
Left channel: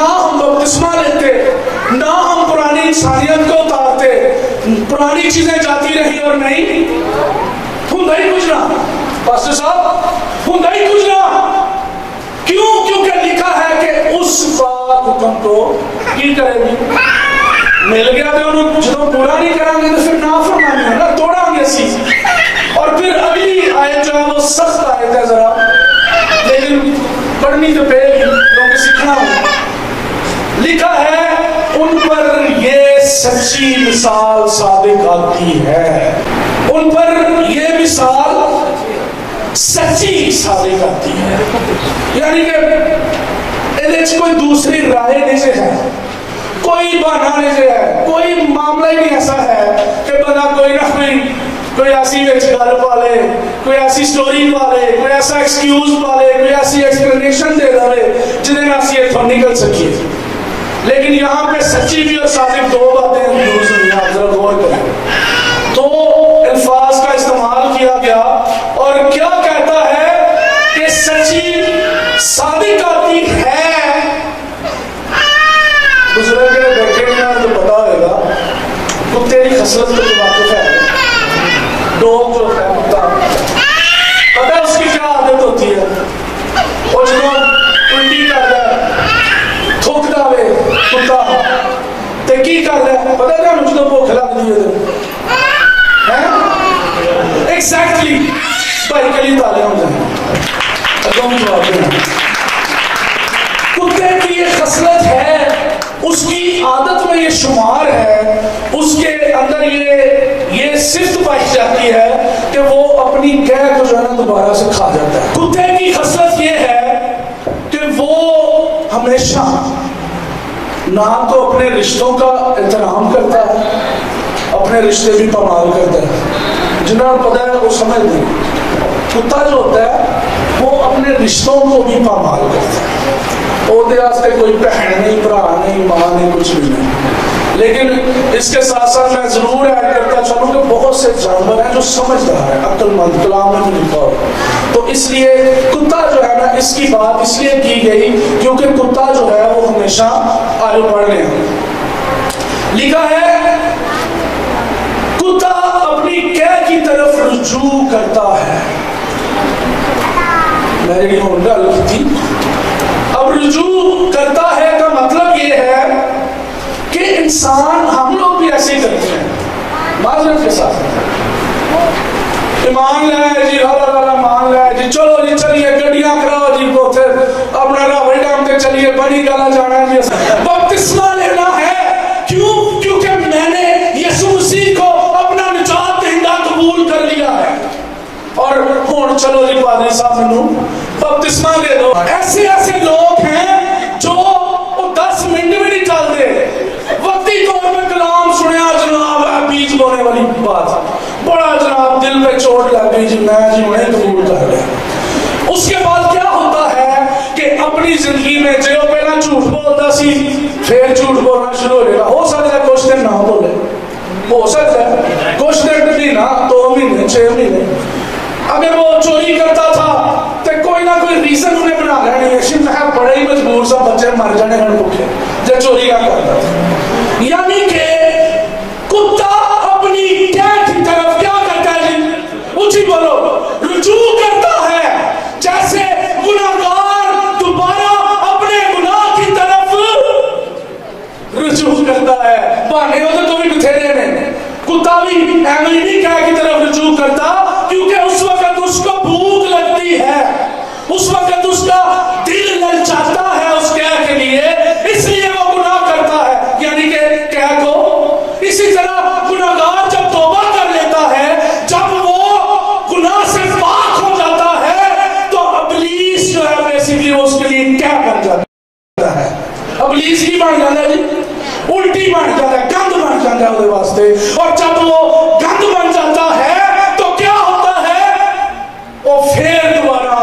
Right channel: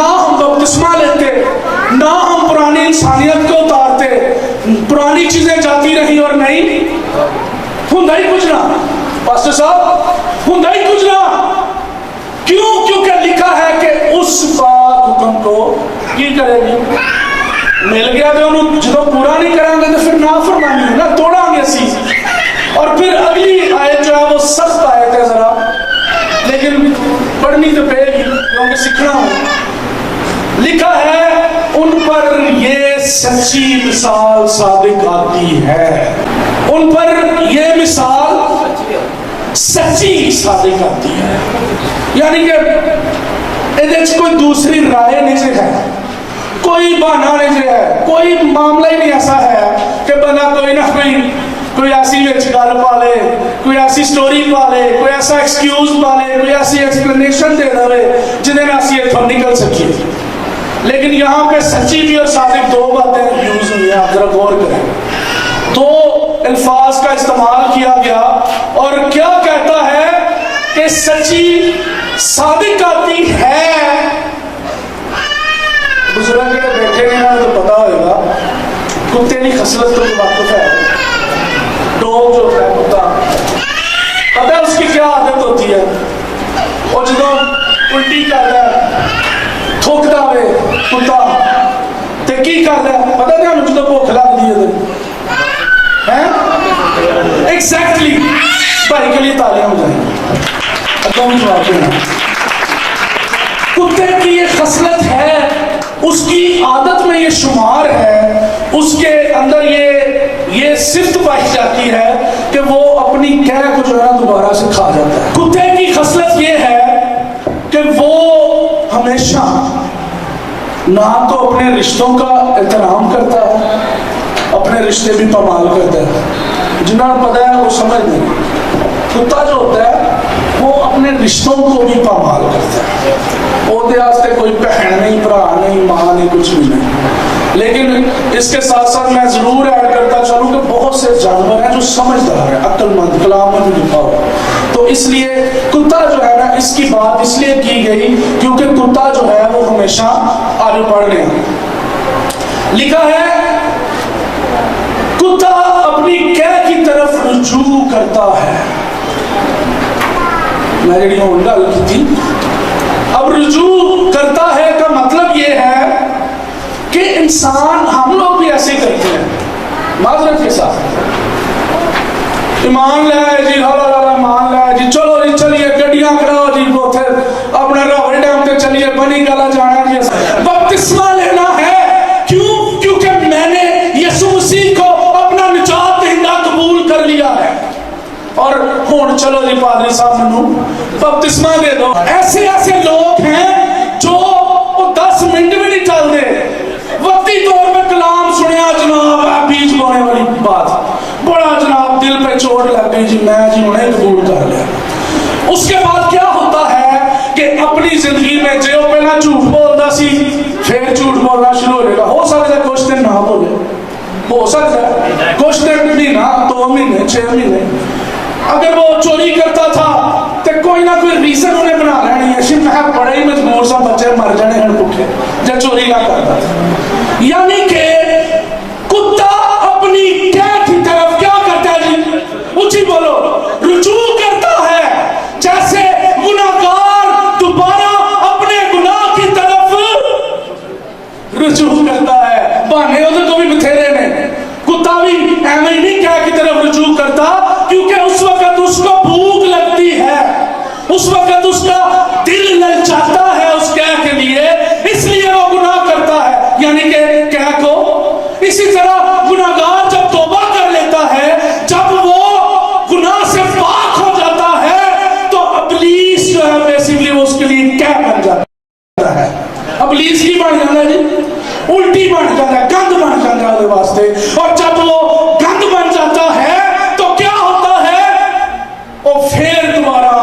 نہ ہم بپتسمہ لیتے، نہ ہم پرانی انسانیت کو اتارتے، پرانی چیزیں جاتی رہی اور نہیں ہوں ہی کچھ نہ. پاسٹر صاحب ہوں ہی کچھ نہ. کیوں؟ کیونکہ لکھا ہے کہ اس پاک حکم کو کی کرے گی. مل گیا تو انہوں جدو پورا نہیں کریں گے تو پھر نافرمانی ہے نا، توڑا گے سی. اور پھر اگلی آیت جو ہے وہ سخت آیت ہے ذرا، لیکن پڑھنی تو پڑے گی کیونکہ سیکھنا ہے. لکھا ہے ان پر یہ سچی مثال صادق آتی ہے، ان پر یہ مثال سچی صادق آتی ہے. یعنی کہ کوئی دوسری رائے نہیں سے ہے، کوئی بہانا نہیں سے ہے، کوئی معاملہ ہی نہیں ایسا ہے کہ بندہ کوئی نہ کوئی ایسی گل پا لے، کوئی ایسی سٹوری پا لے، کوئی ایسا ایکسکیوز پا لے، کوئی ایسی ایکسپلینیشن دے دے جنہیں میں اسی اتھوں نکل سکیے. لیکن یہاں پہ سچی بھی اور صادق دو باتیں یوز ہوئی ہیں. آپ ذرا غور کریں، دو الفاظ کا استعمال کیا گیا. اور کیا کہتا ہے کہ سچی صادق آتی ہے. دوسرے کے بیٹھے میں تو پتا ہوئے گا کتے کی خصلت کو واقف ہے. ڈوگ جو ہے کتا، پتہ ہے اس کی کیا عادت ہوتی ہے؟ اور جدو الٹی کر رہا ہے تھوکتا ہوئے کتا تے کی کر رہا ہے پتہ کیا جدو بھوک لگ دی ہے ایگزیکٹلی. بھائی کے لیے تالیاں ہو جائیں. کتے کی یہ خصلت ہے، اس کی عادت میں یہ شمار ہے، اس کے اندر یہ صفت پائی جاتی ہے کہ وہ اپنی قے کو جو ہے نا دوبارہ سے کھا جاتا ہے. کتے کی خصلت یہ ہے کہ وہ ہمیشہ نہ تو اپنے رشتوں کا احترام کرتا ہے، اپنے رشتے بھی پامال کرتا ہے. جنہوں نے پتا ہے وہ سمجھ نہیں. کتا جو ہوتا ہے وہ اپنے رشتوں کو بھی پامال کرتا ہے. وہ کوئی بہن نہیں، برا نہیں، ماں نہیں، کچھ بھی نہیں. لیکن اس کے ساتھ ساتھ میں ضرور ایڈ کرتا چلوں کہ بہت سے جانور ہیں جو سمجھدار ہیں، عقل مند، کلام میں بھی لکھا ہوا. تو اس لیے کتا جو ہے نا، اس کی بات اس لیے کی گئی کیونکہ کتا جو ہے وہ ہمیشہ آگے بڑھ گیا. لکھا ہے کتا اپنی قے کی طرف رجوع کرتا ہے. میں نے ڈال کی تھی. اب رجوع کرتا ہے کا مطلب یہ ہے کہ انسان، ہم لوگ بھی ایسے ہی کرتے ہیں معذرت کے ساتھ. ایمان لائے جی، مان لائے جی، چلو جی چلیے گڈیاں کراؤ جی، وہ پھر اپنا راوی ڈیم پہ چلیے، بنی گالا جانا جی. بپتسمہ لینا ہے. کیوں؟ کیونکہ میں نے یسوع مسیح کو اپنا نجات دہندہ قبول کر لیا ہے. اور ہوں چلو جی پادری صاحب منو بپتسمہ دے دو. ایسے ایسے لوگ ہیں جو 10 منٹ بھی نہیں چلتے، وقتی طور پہ کلام سنیا جناب بیچ بونے والی بات، بڑا جناب دل پہ چوٹ لگ گئی جی، میں جی انہیں قبول کر لیا. اس کے بعد کیا ہوتا ہے کہ اپنی زندگی میں جو پہلا جھوٹ بولتا سی پھر جھوٹ بولنا شروع ہو جائے گا. ہو سکتا ہے کچھ دن نہ بولے، ہو سکتا ہے کچھ دن مہینہ 2 مہینے 6 مہینے. اگر وہ چوری کرتا تھا تو کوئی نہ کوئی ریزن انہیں بنا لینی ہے، میں بڑے ہی مجبور سا بچے مر جانے ہیں بھوکے جب چوری نہ کرتا تھا. یعنی کہ کتا اپنی قے کی طرف کیا کرتا ہے جی؟ اونچی بولو. رجوع کرتا ہے. جیسے گناہگار دوبارہ اپنے گناہ کی طرف رجوع کرتا ہے. بہانے ہوتے تو بھی بتھیرے نے. کتا بھی ایویں نہیں قے کی طرف رجوع کرتا کیونکہ اس وقت اس کو بھوک لگتی ہے، اس وقت اس کا دل للچاتا ہے اس قے کے لیے، اس لیے وہ گناہ کرتا ہے. یعنی کہ قے کو اسی طرح گناہگار جب توبہ کر لیتا ہے، جب وہ گناہ سے پاک ہو جاتا ہے تو ابلیس جو ہے بیسیکلی وہ اس کے لیے قے بن جاتا ہے. ابلیس کی بن جاتا ہے جی، الٹی بن جاتا ہے، گند بن جاتا ہے واسطے. اور جب وہ گند بن جاتا ہے تو کیا ہوتا ہے؟ وہ پھر دوبارہ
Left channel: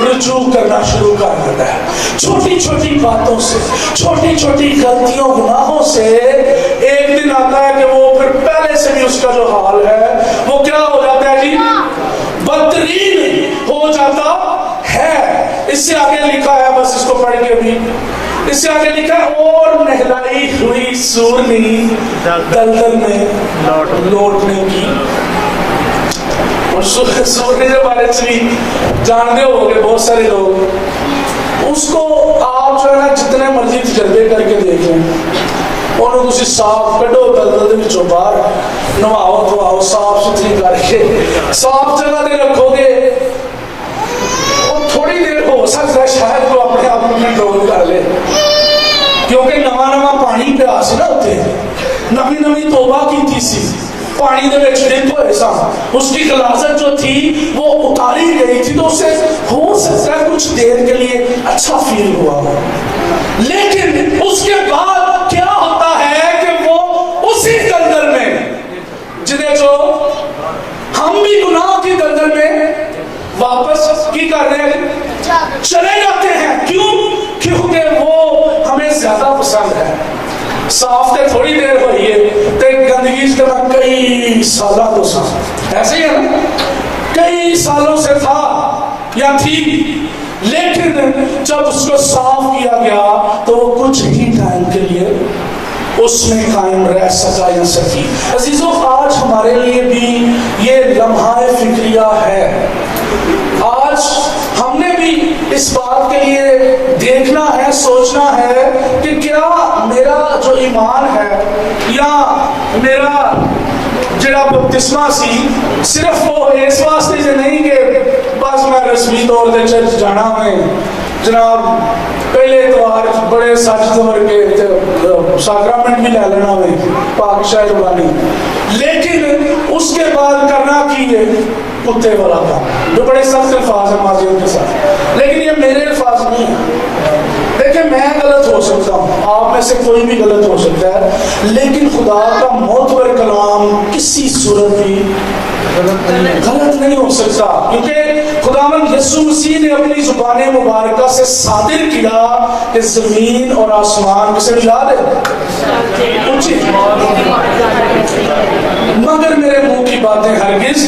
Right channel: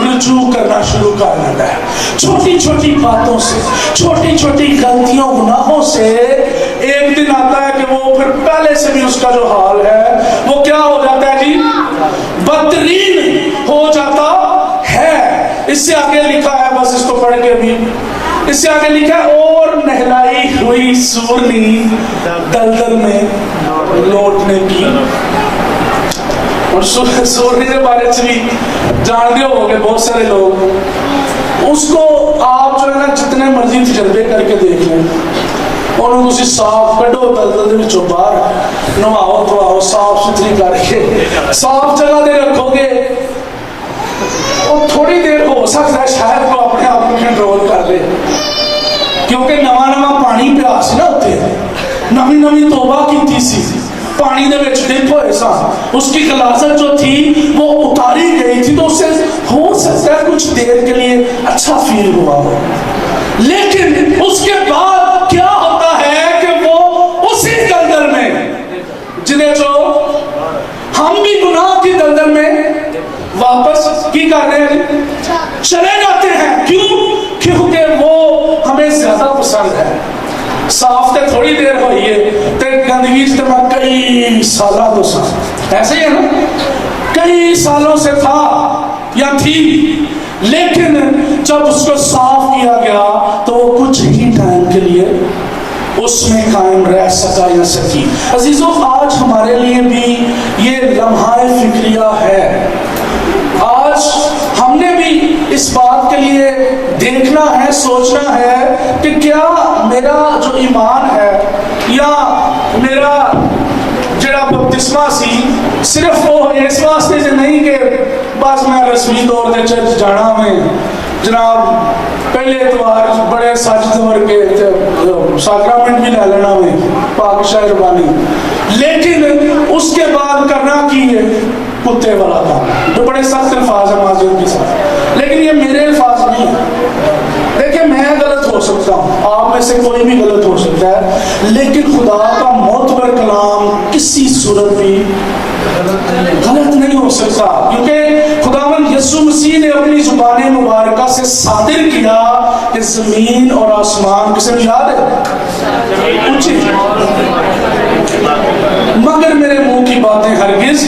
رجوع کرنا شروع کر دیتا ہے. چھوٹی چھوٹی باتوں سے، چھوٹی چھوٹی غلطیوں گناہوں سے ایک دن آتا ہے کہ وہ پھر پہلے سے بھی اس کا جو حال ہے وہ کیا ہو جاتا ہے جی؟ بدترین ہو جاتا ہے. اس سے آگے لکھا ہے، بس اس کو پڑھ کے بھی اس سے آگے لکھا ہے اور نہلائی ہوئی سورنی دلدل میں لوٹنے کی. اور سورنی کے بارے سے بھی جانتے ہو گے بہت سارے لوگ. اس کو آپ جو ہے نا جتنے مرضی تجربے کر کے دیکھ لیں, انہوں تسی صاف کڈو دلدل دے وچوں باہر نواؤ دھواؤ صاف ستھری کر کے صاف جگہ دے رکھو گے, اور تھوڑی دیر ہو سکتا ہے شاید وہ اپنے آپ کو کنٹرول کر لے, کیونکہ نواں پانی پیا سی نا اتنے, نویں توبہ کیتی سی, پانی دے وچ ڈپ ہوئے سا, اس کی غلاظت جو تھی وہ اتاری گئی تھی, تو اسے ہو سکتا ہے کچھ دیر کے لیے اچھا فیل ہوا ہو, لیکن اس کے بعد کیا ہوتا ہے کہ وہ اسی دلدل میں جنہیں جو ہم بھی گناہ کی دلدل میں واپس کی کر رہے ہیں چلے جاتے ہیں. کیوں؟ کیونکہ وہ ہمیں زیادہ پسند ہے. صاف تے تھوڑی دیر ہوئی ہے تے گندگی سے میں کئی سالہ تو سا ایسے ہی ہے نا, کئی سالوں سے تھا یا تھی, لیکن جب اس کو صاف کیا گیا تو وہ کچھ ہی ٹائم کے لیے اس میں قائم رہ سکا یا سکی. عزیزوں, آج ہمارے لیے بھی یہ لمحہ فکریہ ہے. آج ہم نے بھی اس بات کے لیے دیکھنا ہے, سوچنا ہے کہ کیا میرا جو ایمان ہے یا میرا جڑا بپتسمہ سی صرف وہ اس واسطے سے نہیں کہ بس میں رسمی طور سے چرچ جانا میں جناب پہلے اتوار بڑے سج سور کے ساکرامنٹ بھی لے لینا میں پاک شاہ زبانی, لیکن اس کے بعد کرنا کی ہے کتے والا تھا, جو بڑے سخت الفاظ ہیں ماضیوں کے ساتھ, لیکن یہ میرے الفاظ نہیں ہیں. دیکھیں میں غلط ہو سکتا ہوں, آپ میں سے کوئی بھی غلط ہو سکتا ہے, لیکن خدا کا معتبر کلام کسی صورت بھی غلط نہیں ہو سکتا, کیونکہ خداوند یسوع مسیح نے اپنی زبان مبارکہ سے صادر کیا کہ زمین اور آسمان, کسے بھی یاد ہے اونچی, مگر میرے منہ کی باتیں ہرگز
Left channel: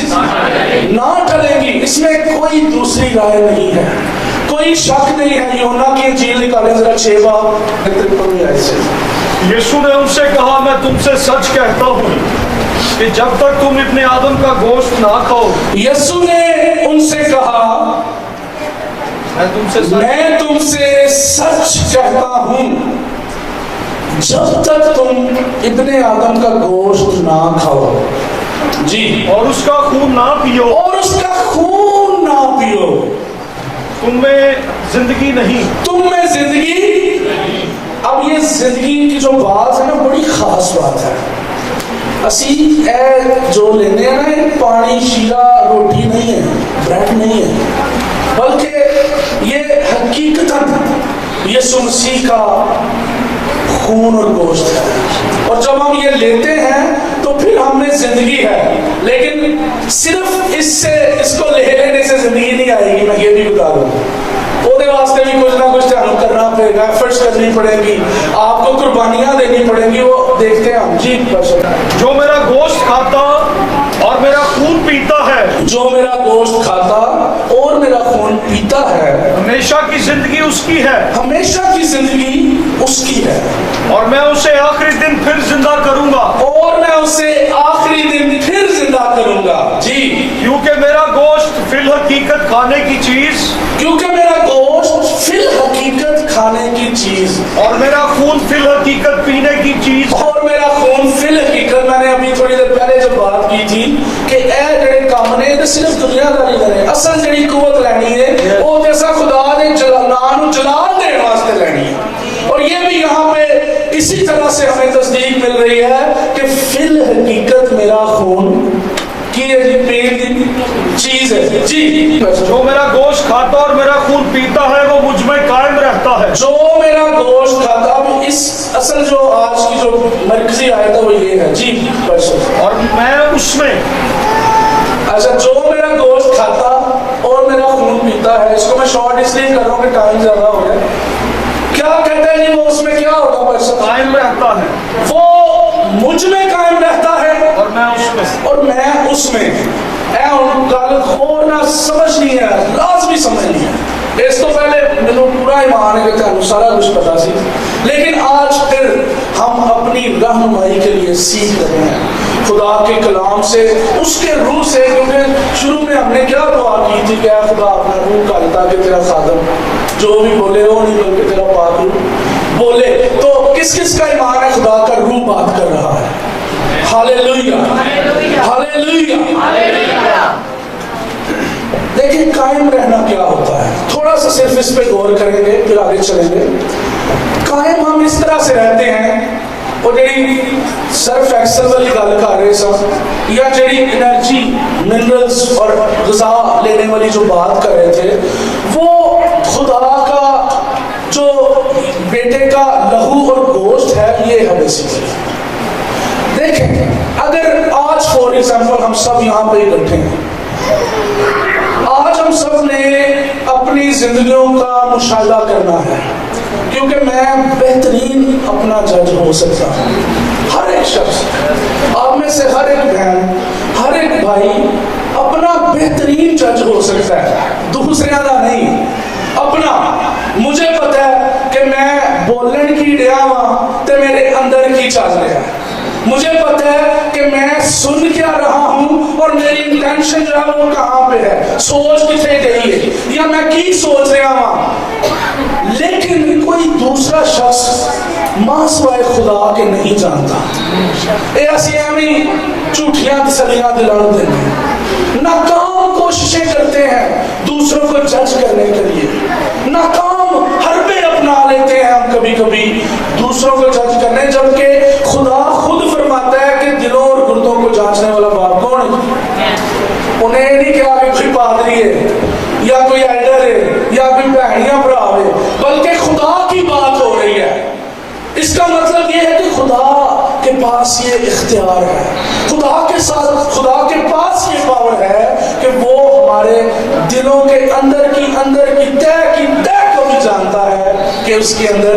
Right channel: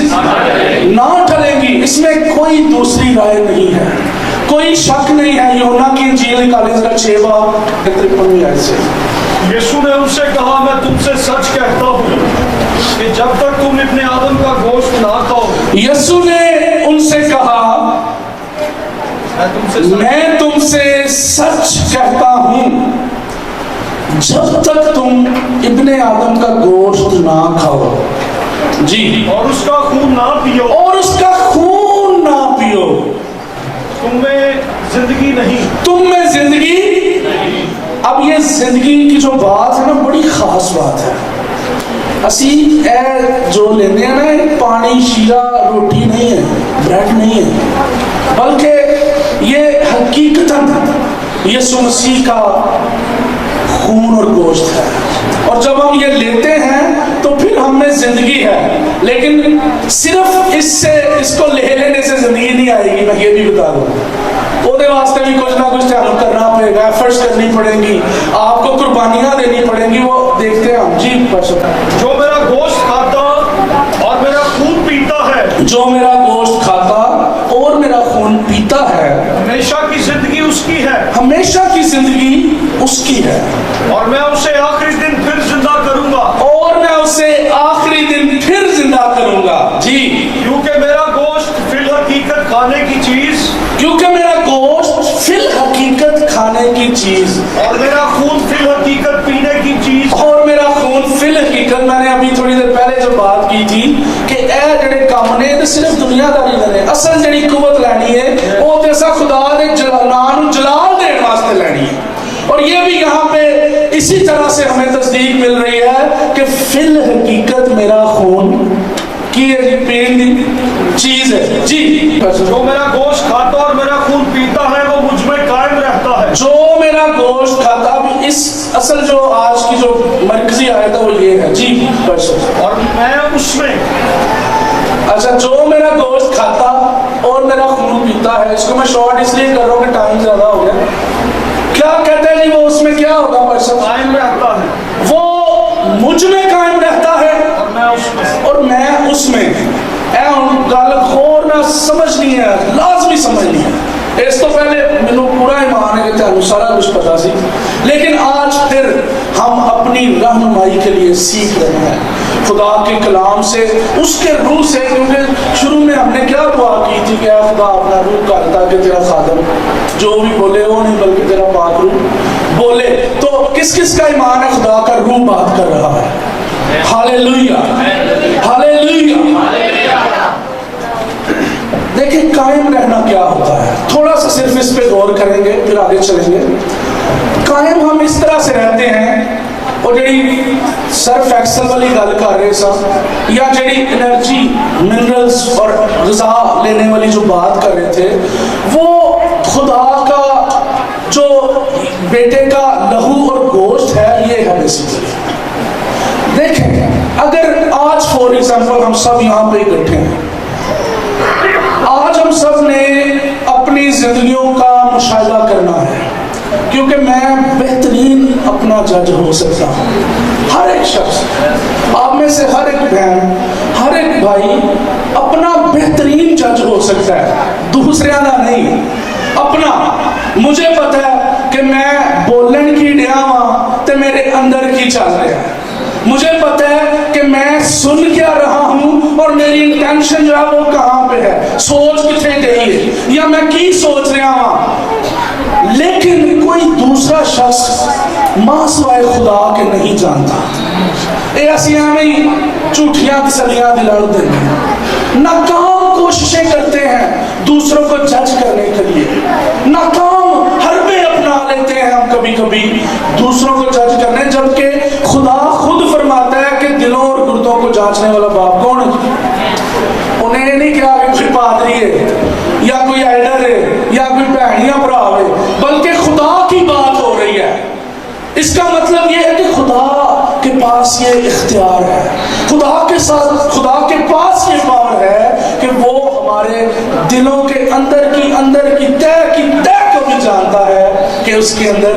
نہ ٹلیں گی. اس میں کوئی دوسری رائے نہیں ہے, کوئی شک نہیں ہے. یوحنا کی انجیل نکالیں ذرا 6 باب 53 سے. یسوع نے ان سے کہا میں تم سے سچ کہتا ہوں کہ جب تک تم ابن آدم کا گوشت نہ کھاؤ. یسوع نے ان سے کہا میں تم سے سچ کہتا ہوں جب تک تم ابن آدم کا گوشت نہ کھاؤ. جی, اور اس کا خون نہ پیو. اور اس کا خون نہ پیو. تم میں زندگی نہیں. تم میں زندگی. اب یہ زندگی کی جو بات ہے نا بڑی خاص بات ہے. اسی اے جو لینے ہیں نا پانی شیرہ روٹی نہیں ہے, بریڈ نہیں ہے, بلکہ یہ حقیقتاً یسوع مسیح کا خون اور گوشت ہے. اور جب ہم یہ لیتے ہیں تو پھر ہم میں زندگی ہے, لیکن صرف اس کو لے لینے سے زندگی نہیں آئے گی. میں یہ بھی بتا دوں, وہ دے واسطے بھی کچھ نہ کچھ تعلق کرنا پڑے گا, ایفرٹس کرنی پڑیں گی, آپ کو قربانیاں دینی پڑیں گی. وہ دیکھتے ہیں ہم. جی, جو میرا گوشت کھاتا اور میرا خون پیتا ہے, جو میرا گوشت کھاتا اور میرا خون پیتا ہے, ہمیشہ کی زندگی اس کی ہے. ہمیشہ کی زندگی اس کی ہے, اور میں اسے آخری دن پھر زندہ کروں گا. اور میں اسے آخری دن پھر زندہ کروں گا. جی, کیونکہ میرا گوشت فی الحقیقت کھانے کی چیز, کیونکہ میرا گوشت فی الحقیقت کھانے کی چیز, اور میرا خون فی الحقیقت پینے کی چیز. اور میرا خون فی الحقیقت. میں نے ابھی تھوڑی دیر پہلے جب بات کی تھی کہ اے جڑے کام نے تے صرف دنیا داری کرے, اصل جڑی قوت لینی ہے وہ جیسا خدا دے نام جلال دین واسطے لینی ہے. اور یہ بھی یہاں پہ اسی طرح سے ہمیں تصدیق مل رہی ہے کہ فی الحقیقت میرا خون کی پین چیز ہے. جی, جو میرا گوشت کھاتا اور میرا خون پیتا ہے وہ مجھ میں قائم رہتا ہے. جو میرا گوشت کھاتا. اب اس اصل جو آج کی جو مرکزی آیت ہے وہ یہ ہے. جی, اور میں اس میں. اچھا, جو میرا گوشت کھاتا اور میرا خون پیتا ہے, اس کو میں شارٹ اس لیے کر رہا ہوں کہ ٹائم زیادہ ہو گیا. کیا کہتے ہیں جی, وہ اس میں کیا ہوگا پرسن؟ قائم رہتا ہے. وہ مجھ میں قائم رہتا ہے اور میں اس میں. اور میں اس میں. اے گل خور نہ سمجھنی ہے, لازمی سمجھنی ہے. اس تو پہلے مینوں پورا ایمان ہے کہ تانوں سارا کچھ پتا سی، لیکن آج پھر ہم اپنی رہنمائی کے لیے سیکھ رہے ہیں خدا کے کلام سے، اس کے روح سے، کیونکہ شروع میں ہم نے کیا دعا کی تھی کہ اے خدا اپنا روح کر تاکہ تیرا خادم جو بھی بولے وہ نہیں بلکہ تیرا پاک روح بولے۔ تو کس کس کا ایمان ہے خدا کا روح بات کر رہا ہے؟ ہاللیلویہ ہاللیلویہ۔ دیکھیں قائم رہنا کیا ہوتا ہے، تھوڑا سا صرف اس پہ غور کریں گے پھر آگے چلیں گے۔ قائم ہم اس طرح سے رہتے ہیں، اور جڑی سرف ایکسل والی گل کر رہے سا، یا جڑی انرجی منرلز اور غذا لینے والی جو بات کر رہے تھے، وہ خدا کا جو بیٹے کا لہو اور گوشت ہے، یہ ہے بیسیکلی۔ دیکھیں اگر آج فور ایگزامپل ہم سب یہاں پہ اکٹھے ہیں، آج ہم سب نے اپنی زندگیوں کا مشاہدہ کرنا ہے، کیونکہ میں بہترین اپنا جج ہو سکتا ہوں۔ ہر ایک شخص، آپ میں سے ہر ایک بہن، ہر ایک بھائی اپنا بہترین جج ہو سکتا ہے، دوسرے کا نہیں، اپنا۔ مجھے پتا ہے کہ میں بولن کی ڈیا ہاں تے میرے اندر کی چل رہا ہے، مجھے پتا ہے کہ میں سن کیا رہا ہوں اور میری انٹینشن جو ہے وہ کہاں پہ ہے، سوچ کتنے گئی ہے، یا میں کی سوچ رہا ہوں۔ لیکن کوئی دوسرا شخص ماں سوائے خدا کے نہیں جانتا۔ ایسی ہمیں جھوٹیاں تسلیاں دلا دیتے ہیں، ناکام کوششیں کرتے ہیں دوسروں کو جج کرنے کے لیے، ناکام حربیں اپنا لیتے ہیں ہم کبھی کبھی دوسروں کو جج کرنے، جبکہ خدا خود فرماتا ہے کہ دلوں اور گردوں کو جانچنے والا باپ کون ہے؟ انہیں نہیں کہا کہ کوئی پادری ہے یا کوئی ایڈر ہے یا کوئی بہنیاں برا ہے، بلکہ خدا کی بات ہو رہی ہے۔ اس کا مطلب یہ ہے کہ خدا کے پاس یہ اختیار ہے، خدا کے ساتھ، خدا کے پاس یہ پاور ہے کہ وہ ہمارے دلوں کے اندر کی تہ کو بھی جانتا ہے کہ اس کے اندر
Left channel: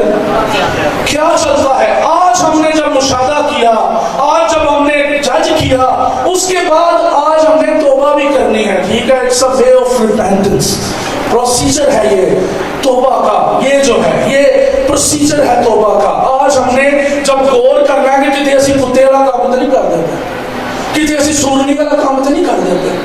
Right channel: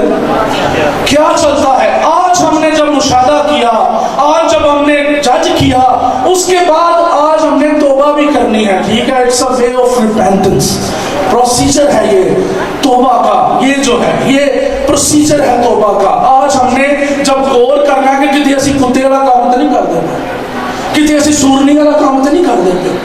کیا چلتا ہے۔ آج ہم نے جب مشاہدہ کیا، آج جب ہم نے جج کیا، اس کے بعد آج ہم نے توبہ بھی کرنی ہے، ٹھیک ہے؟ It's a way of repentance, procedure ہے یہ توبہ کا، یہ جو ہے یہ پروسیجر ہے توبہ کا۔ آج ہم نے جب غور کرنا ہے کہ کتے اسی کتے والا کام تو نہیں کر دیتے، کتے اسی سورنی والا کام تو نہیں کر دیتے،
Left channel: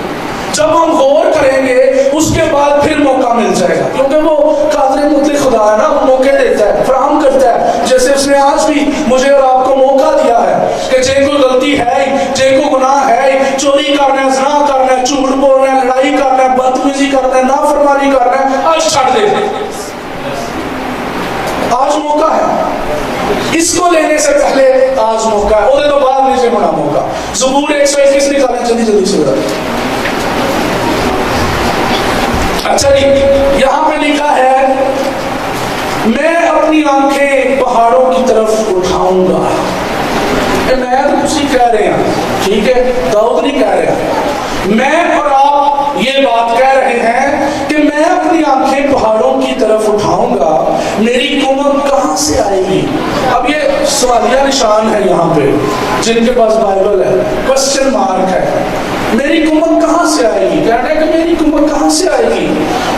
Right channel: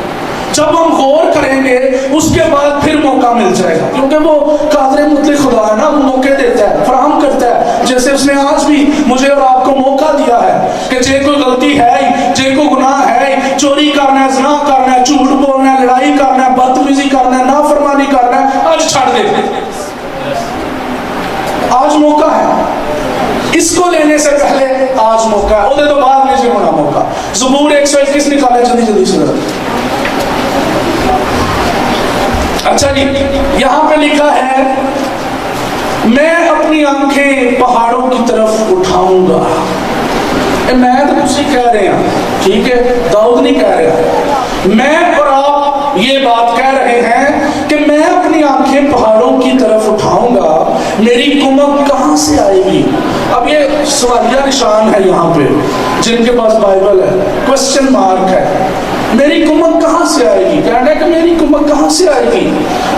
جب ہم غور کریں گے اس کے بعد پھر موقع مل جائے گا، کیونکہ وہ قادر مطلق خدا ہے نا، وہ موقع دیتا ہے، فراہم کرتا ہے، جیسے اس نے آج بھی مجھے اور آپ کو موقع دیا ہے کہ جے کوئی غلطی ہے، جے کوئی گناہ ہے، چوری کرنا ہے، زنا کرنا ہے، جھوٹ بولنا ہے، لڑائی کرنا ہے، بدتمیزی کرنا ہے، نافرمانی کرنا ہے، آج چھڑ دے، آج موقع ہے، اس کو لینے سے پہلے آج موقع ہے، ادھر تو بعد میں سے ہونا موقع۔ زبور 121 نکالیں جلدی جلدی سے۔ اچھا جی، یہاں پہ لکھا ہے میں اپنی آنکھیں پہاڑوں کی طرف اٹھاؤں گا۔ میں تو اسی کہہ رہے ہیں، ٹھیک ہے، داؤد نہیں کہہ رہے، میں اور آپ یہ بات کہہ رہے ہیں کہ میں اپنی آنکھیں پہاڑوں کی طرف اٹھاؤں گا، میری کمک کہاں سے آئے گی؟ اب یہ سوالیہ نشان ہے یہاں پہ، جن کے پاس بائبل ہے، کوسچن مارک ہے، میری کمک کہاں سے آئے گی؟ کہنا ہے کہ میری کمک کہاں سے آئے گی؟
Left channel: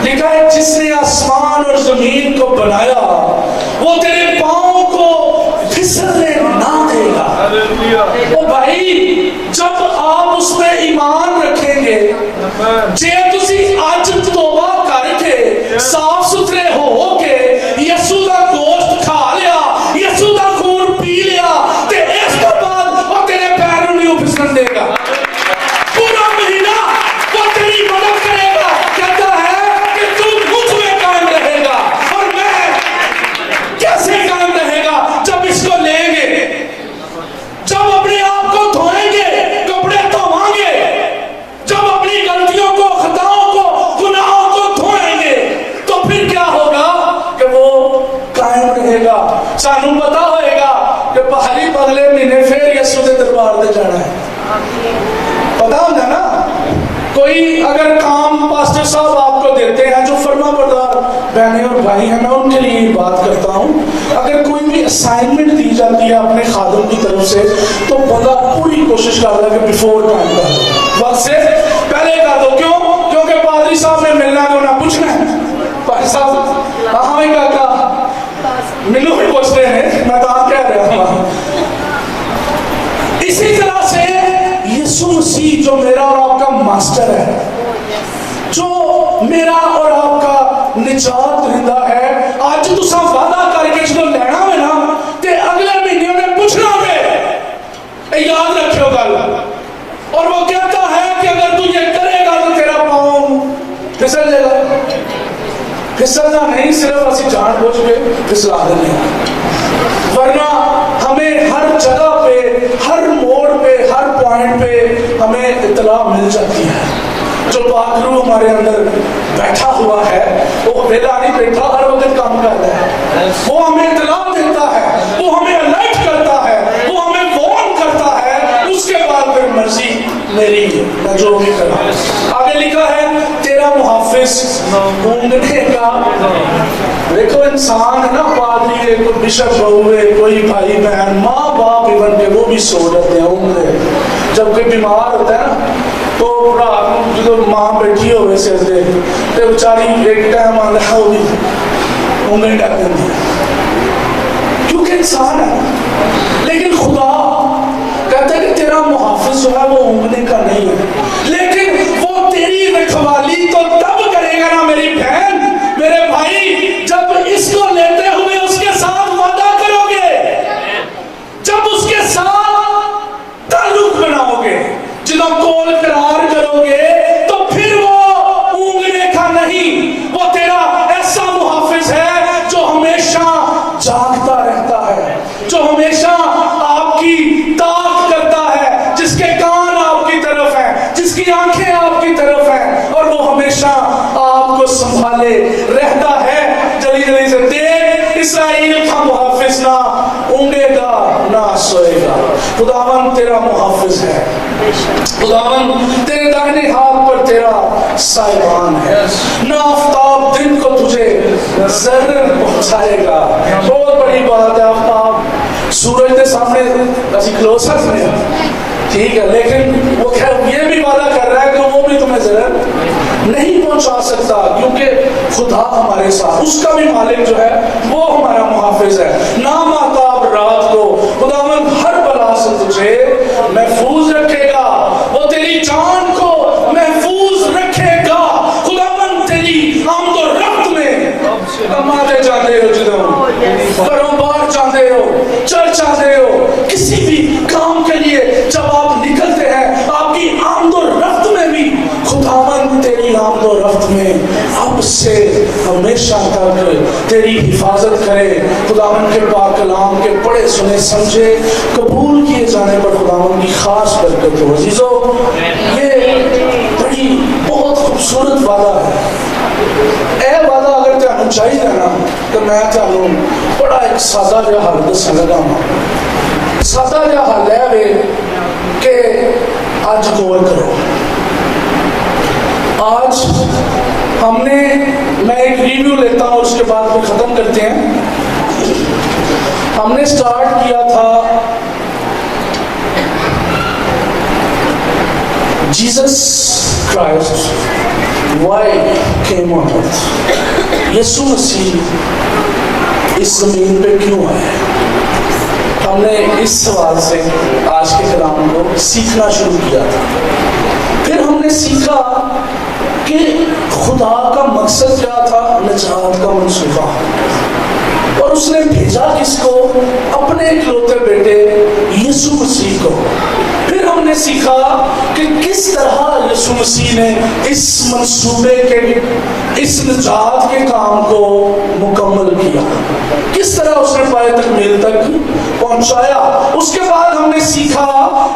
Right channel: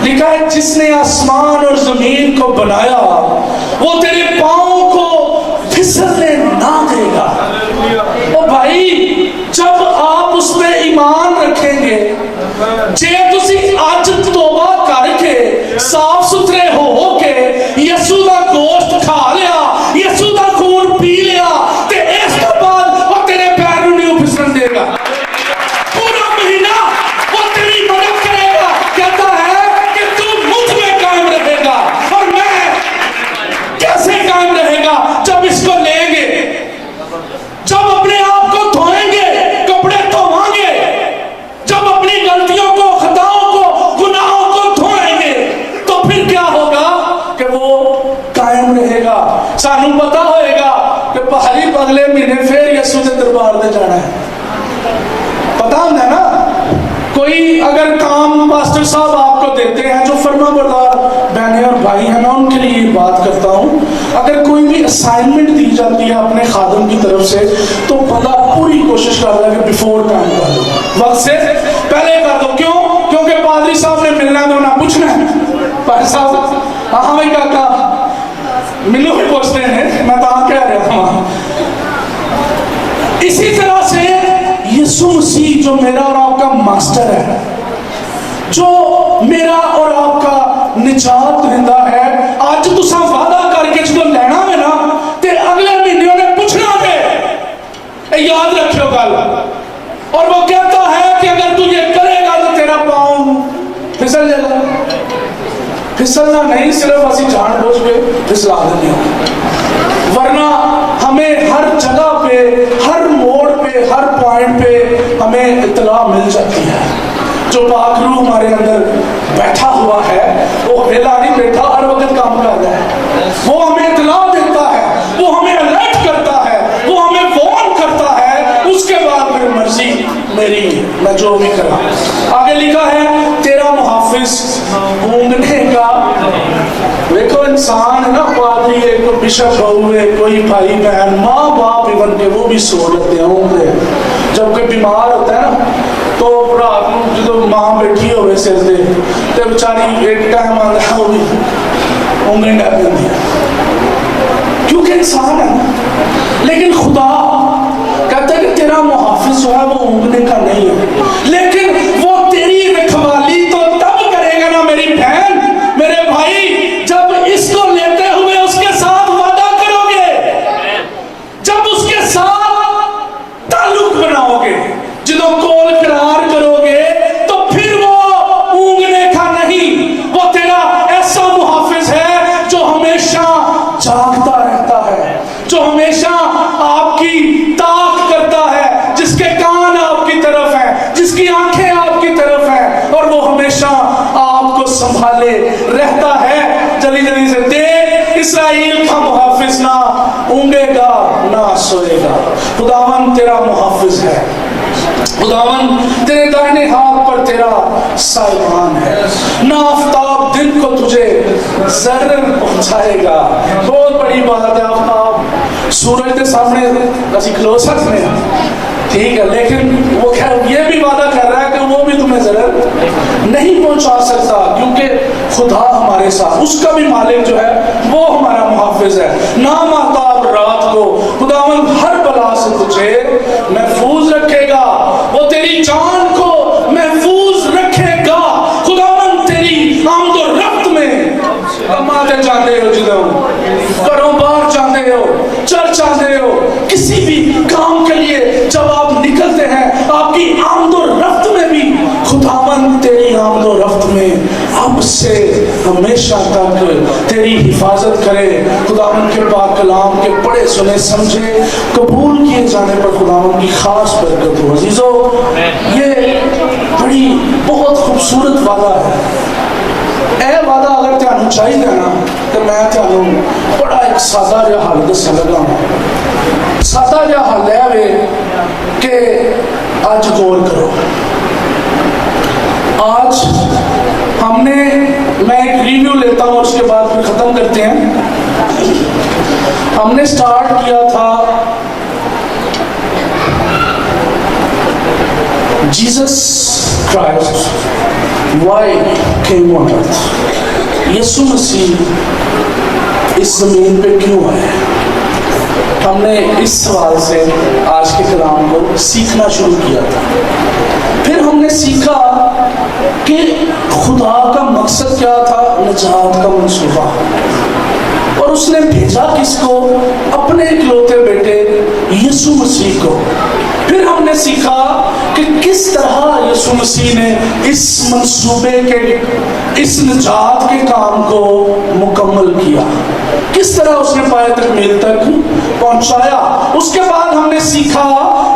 لکھا ہے جس نے آسمان اور زمین کو بنایا وہ تیرے پاؤں کو پھسلنے نہ دے گا۔ او بھائی، جب آپ اس پہ ایمان رکھیں گے، جے تسی آج توبہ کر کے صاف ستھرے ہو کے یسوع دا گوشت کھا لیا، یسوع دا خون پی لیا، تے اس کے بعد وہ تیرے پیروں نہیں پھسلن دے گا۔ پورا مہینہ وہ تیری مدد کرے گا، کہتا ہے کہ تو مجھ میں قائم رہے گا، اور میں کیسے قائم رہے گا؟ جب اس کو لیں گے، جب اپنے آپ کو دھوئیں گے، کپڑے دھوائیں گے، جب اپنی غلطیوں کو، خطاؤں کو، گناہوں کو دھوئیں گے، تو پھر کیا ہوگا کہ وہ قائم رہے گا۔ سانوں پتا ہوئے گا کہ پہلی اگلے مہینے پھر یسوع کے دربار دے جانا ہے، پتا ہوتا ہے نا۔ کوئی اگر کام پاسٹر صاحب آپ کو دیتے ہیں جو فرما بردار بہنیں اور بھائی ہیں، میں ان کے لیے بات کرتا ہوں، اگر کوئی بھی اسائنمنٹ دی جاتی ہے اپنے خادم کی طرف سے تو بندہ پوری کوشش کر رہا ہے کہ بیفور ٹائم کر دو، وقت سے پہلے کر دو۔ کیوں؟ کیونکہ پادری صاحب نے ملنا تو نہ پوچھنا ہے، پادری صاحب ہاں میں کہا ملو بھی پوچھتے ہیں میں تو آپ کہہ رہا ہوں. اسی طرح سے یسوع مسیح جو میرا اور آپ کا ماسٹر ہے, جو میرا اور آپ کا نجات دہندہ ہے, آج تساں وعدہ کر کے جو لینا میں نا تے اگلے مہینے انہیں پوچھنا ہے, یاد رکھو گل. اور وہ کہتا ہے کہ اگر تو یہ کرے گا تو تیرا پاؤں پھسل جائے گا. پھسلنا نہیں, صرف اسی جان بوجھ کے پھسلا دیں گے, ورنہ ہمیں ہر جگہ پہ, ہر موڑ پہ, ہر پوائنٹ پہ ہمیں اطلاع مل جاتی ہے. جو پاک روح ہمارے اندر بیٹھا ہوا ہے وہ ویلا نہیں بیٹھا, ہر وقت کام کر رہا ہے. وہ ہمیں اطلاع دیتا ہے, وہ ہمیں الرٹ کرتا ہے, وہ ہمیں وارن کرتا ہے. اس کے بعد پھر مرضی میری, میں جو بھی کروں. آگے لکھا ہے تیرا محافظ اونگنے کا. دیکھو انسان ہے نا, پادری ہے, کوئی بشپ ہوئے, کوئی بھائی بہن, ماں باپ ایون کے وہ بھی سو جاتے ہیں اونگنے. جب کوئی بیمار ہوتا ہے نا تو رات کو جب ماں بیٹھی ہوئے سر دے تو بیچاری ایک ٹائم آتا ہے وہ بھی اونگنے ڈال دیتی ہے, کیونکہ انسان ہے. لیکن خدا کہتا ہے کہ تیرا محافظ جو ہے وہ اونگنے کا نہیں ہے, لیکن وہ تیری رکھوالی تو تب کرے گا نا میری بہن, میرے بھائی, جب اس کو لیتے ہوئے اس کے ساتھ وعدہ کرو گے, جب اس کے ساتھ تعلق بناؤ گے, جنہوں کول قرار کرو گے, تو پھر وہ اونگنے کا نہیں, وہ تیرا ایسا محافظ ہے جو ہمیشہ جاگتا رہتا ہے, جو ہمیشہ آپ کی طاق کرتا ہے, جس کے کان آپ کی طرف ہیں, جس کی آنکھیں آپ کی طرف ہیں, اور وہ ہمیشہ آپ کو سنبھالے رہتا ہے. جلدی جلدی سے دیکھ, اسرائیل کا محافظ نہ اونگے گا نہ سوئے گا. خداوند تیرا محافظ ہے, خداوند تیرے دائنے ہاتھ پر تیرا سائبان ہے, نہ آفتاب دن کو تجھے ضرر پہنچائے گا. بہت بڑی بات ہے, آفتاب سورج کے سامنے اچھی کلوسٹ میں ٹھیک ہے, لیکن وہ خیر یہ بھی وعدہ کر رہا ہے کہ وہ بھی تمہیں ضرر نہیں پہنچا سکتا, کیونکہ خدا ہمارے ساتھ, اس کا بھی مالک جو ہے وہ ہمارا محافظ ہے. نام آفتاب رات کو خداوند ہر بلا سے تجھے محفوظ رکھے گا, وہ تیری جان کو محفوظ رکھے گا. خداوند تیری آمد و رفت میں کماتے جاتے ہو, جدوں گھروں باہر جاتے ہو, چرچ آتے ہو, کسی بھی کام کے لیے جب آپ نکلتے ہیں, آپ کی آمد و رفت میں بھی خداوند تیری آمد و رفت میں اب سے ہمیشہ تک تیری حفاظت کرے. خداوند کے پاک کلام کے پڑھے سنے سمجھے قبول کیے جانے پر خداوند کی خاص برکت ہو. عزیزو, یہ بڑی بہت خوبصورت وعدہ ہے. اے وعدہ اگر تانوں چاہیے نا تو میں تانوں بڑا ایک سادہ جہا حل دسن لگا ہوں. سادہ جہا حل ہے کہ آج غور کرو. آج ہم نے, میں ایک ریویو لیتا ہوں اور اس کے بعد پھر ختم کرتے ہیں. ہم نے سٹارٹ کیا تھا Jesus Christ why came on earth, یسوع مسیح اس زمین پہ کیوں آئے. ہم نے اس سوال سے آج کے کلام کو سیکھنا شروع کیا تھا. پھر ہم نے سیکھا کہ خدا کا مقصد کیا تھا, نجات کا منصوبہ, اور اس نے بھیجا کس کو, اپنے اکلوتے بیٹے یسوع مسیح کو. پھر ہم نے سیکھا کہ کس طرح یسوع مسیح نے اس منصوبے کے, اس نجات کے کام کو مکمل کیا, کس طرح اس نے پائے تکمیل تک پہنچایا. اس کے بعد ہم نے سیکھا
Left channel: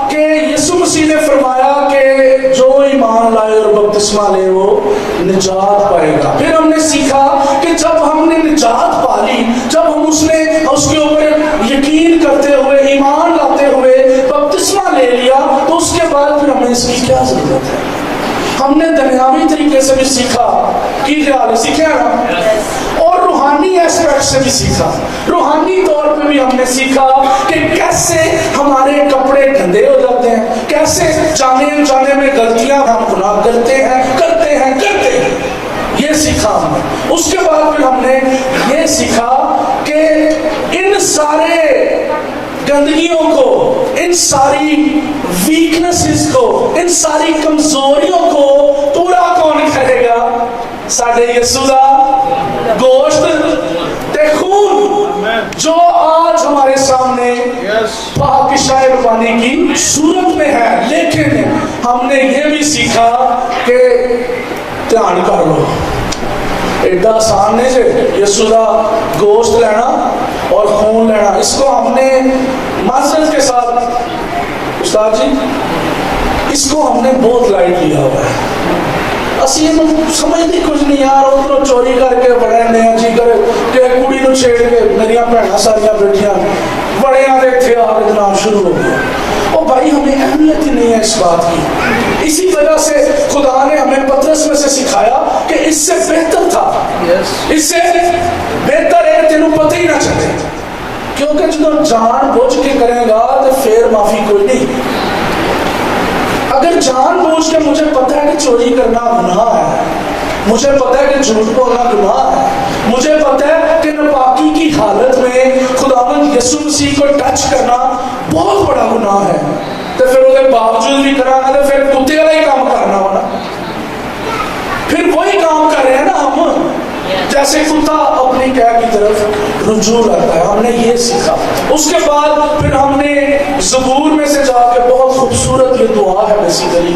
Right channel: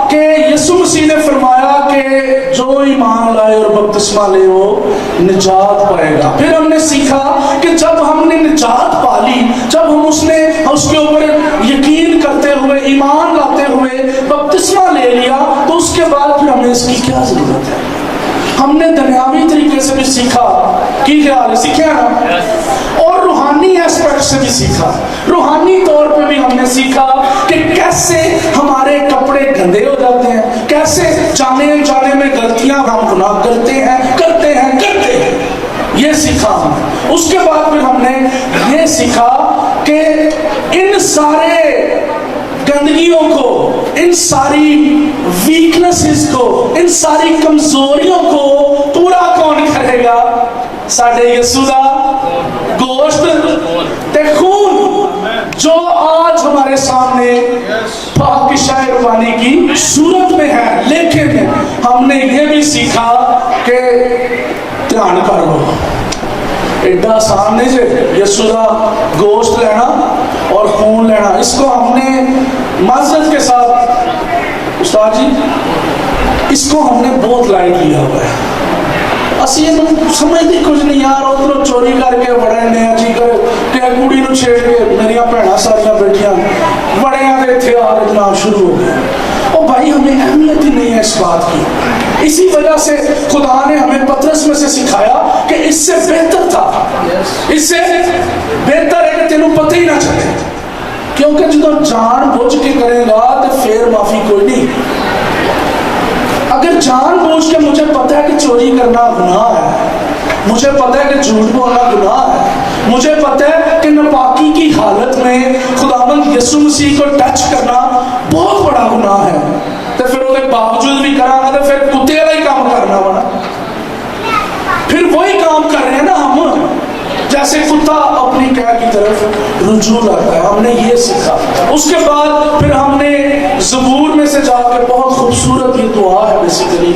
کہ یسوع مسیح نے فرمایا کہ جو ایمان لائے اور بپتسمہ لے وہ نجات پائے گا. پھر ہم نے سیکھا کہ جب ہم نے نجات پا لی, جب ہم اس کے اوپر یقین کرتے ہوئے, ایمان لاتے ہوئے بپتسمہ لے لیا, تو اس کے بعد پھر ہمیں اس کی کیا ضرورت ہے. ہم نے دنیاوی طریقے سے بھی سیکھا کی خیال سیکھا نا, اور روحانی ایسپیکٹ سے بھی سیکھا. روحانی طور پہ بھی ہم نے سیکھا کہ کیسے ہمارے کپڑے گندے ہو جاتے ہیں, کیسے جانے میں غلطیاں ہم گناہ کرتے ہیں. یہ سیکھا ہم. اس کے بعد پھر ہم نے یہ سیکھا کہ ان سارے گندگیوں کو, ان ساری ویکنسز کو, ان ساری کمزوریوں کو پورا کون کرے گا؟ ساڈے یسوع دا گوشت تے خون جو آج ہمارے سامنے پاک شاہ ربانی کی صورت میں ہے. لیکن ہم نے یہ بھی سیکھا کہ دھیان کر لو, ایڈا آسان نہیں سے یسوع دا گوشت لینا اور خون لینا. اس کو ہم نے معذرت کے ساتھ استاد جی, اس کو ہم نے بہت لائٹ لیا ہوا ہے. اسی یہ سمجھتے کچھ نہیں یار, ادھر چوری کر کے بڑے نیا جی کر کہ کڑی نو چھیڑ کے میری بھੈਣਾਂ ساریاں بیٹھیاں بڑے آتے تھے آ جناب شروع ہو گیا. او بھائی ہمیں اہمیت ہی نہیں ہے اس بات کی. اسی وجہ سے خدا نے ہمیں پطرس میں سے سکھایا کہ اس سے بہتر تھا, اس سے بہتر ہے کہ تینوں پتہ ہی نہ چلے, کیونکہ جب جان بوجھ کے کرے گا تو پھر معافی کوئی نہیں. اگر جان بوجھ کے مجھے پتا ہے کہ چوری کرنا گناہ ہے, مجھے پتا ہے کہ جھوٹ بولنا گناہ ہے, مجھے پتا ہے کہ ناپاکی کی حالت میں خداوند یسوع مسیح کو ٹچ کرنا بہت بڑا گناہ ہے, تو پھر وہ باوجود بھی کرا تو پھر کتے والا ہی کام کرنا ہونا. پھر وہی کام کر رہے ہیں نا ہم, جیسے کتا اپنی قید کی طرف رجوع رکھتا ہے. ہم نے یہ سیکھا. اس کے بعد پھر ہم نے زبور میں سے جا کے بہت خوبصورت یہ دعا ہے بیسیکلی,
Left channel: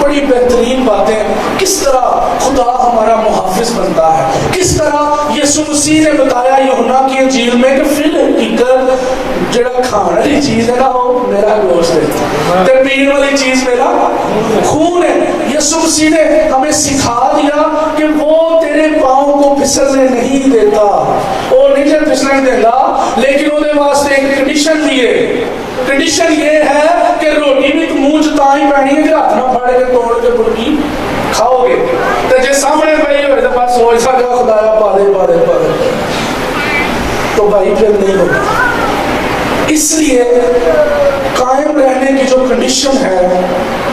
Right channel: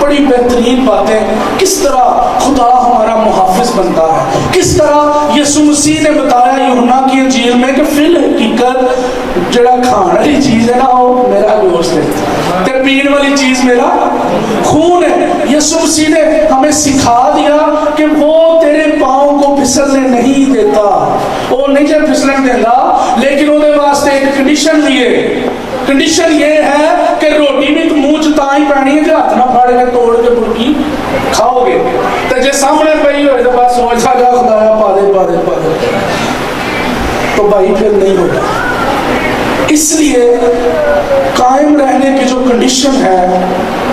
بڑی بہترین باتیں, کس طرح خدا ہمارا محافظ بنتا ہے, کس طرح یسوع مسیح نے بتایا یوحنا کی انجیل میں کہ فی الحقیقت جڑا کھان والی چیز ہے نا وہ میرا گوشت ہے, تے پین والی چیز میرا خون ہے. یسوع مسیح نے ہمیں سکھا دیا کہ وہ تیرے پاؤں کو پھسلنے نہیں دیتا, وہ نہیں جب پھسلنے دیتا, لیکن وہ واسطے ایک کنڈیشن بھی ہے. کنڈیشن یہ ہے کہ روٹی بھی تو منہ چ تاں ہی پانی ہے کہ ہاتھ نہ پھاڑ کے توڑ کے برکی کھاؤ گے, تو جے سامنے پئی ہوئے تو بس سوچ سا جا خدایا پا دے پا دے پا دے, تو بھائی پھر نہیں ہوگا. اس لیے قائم رہنے کی جو کنڈیشن ہے,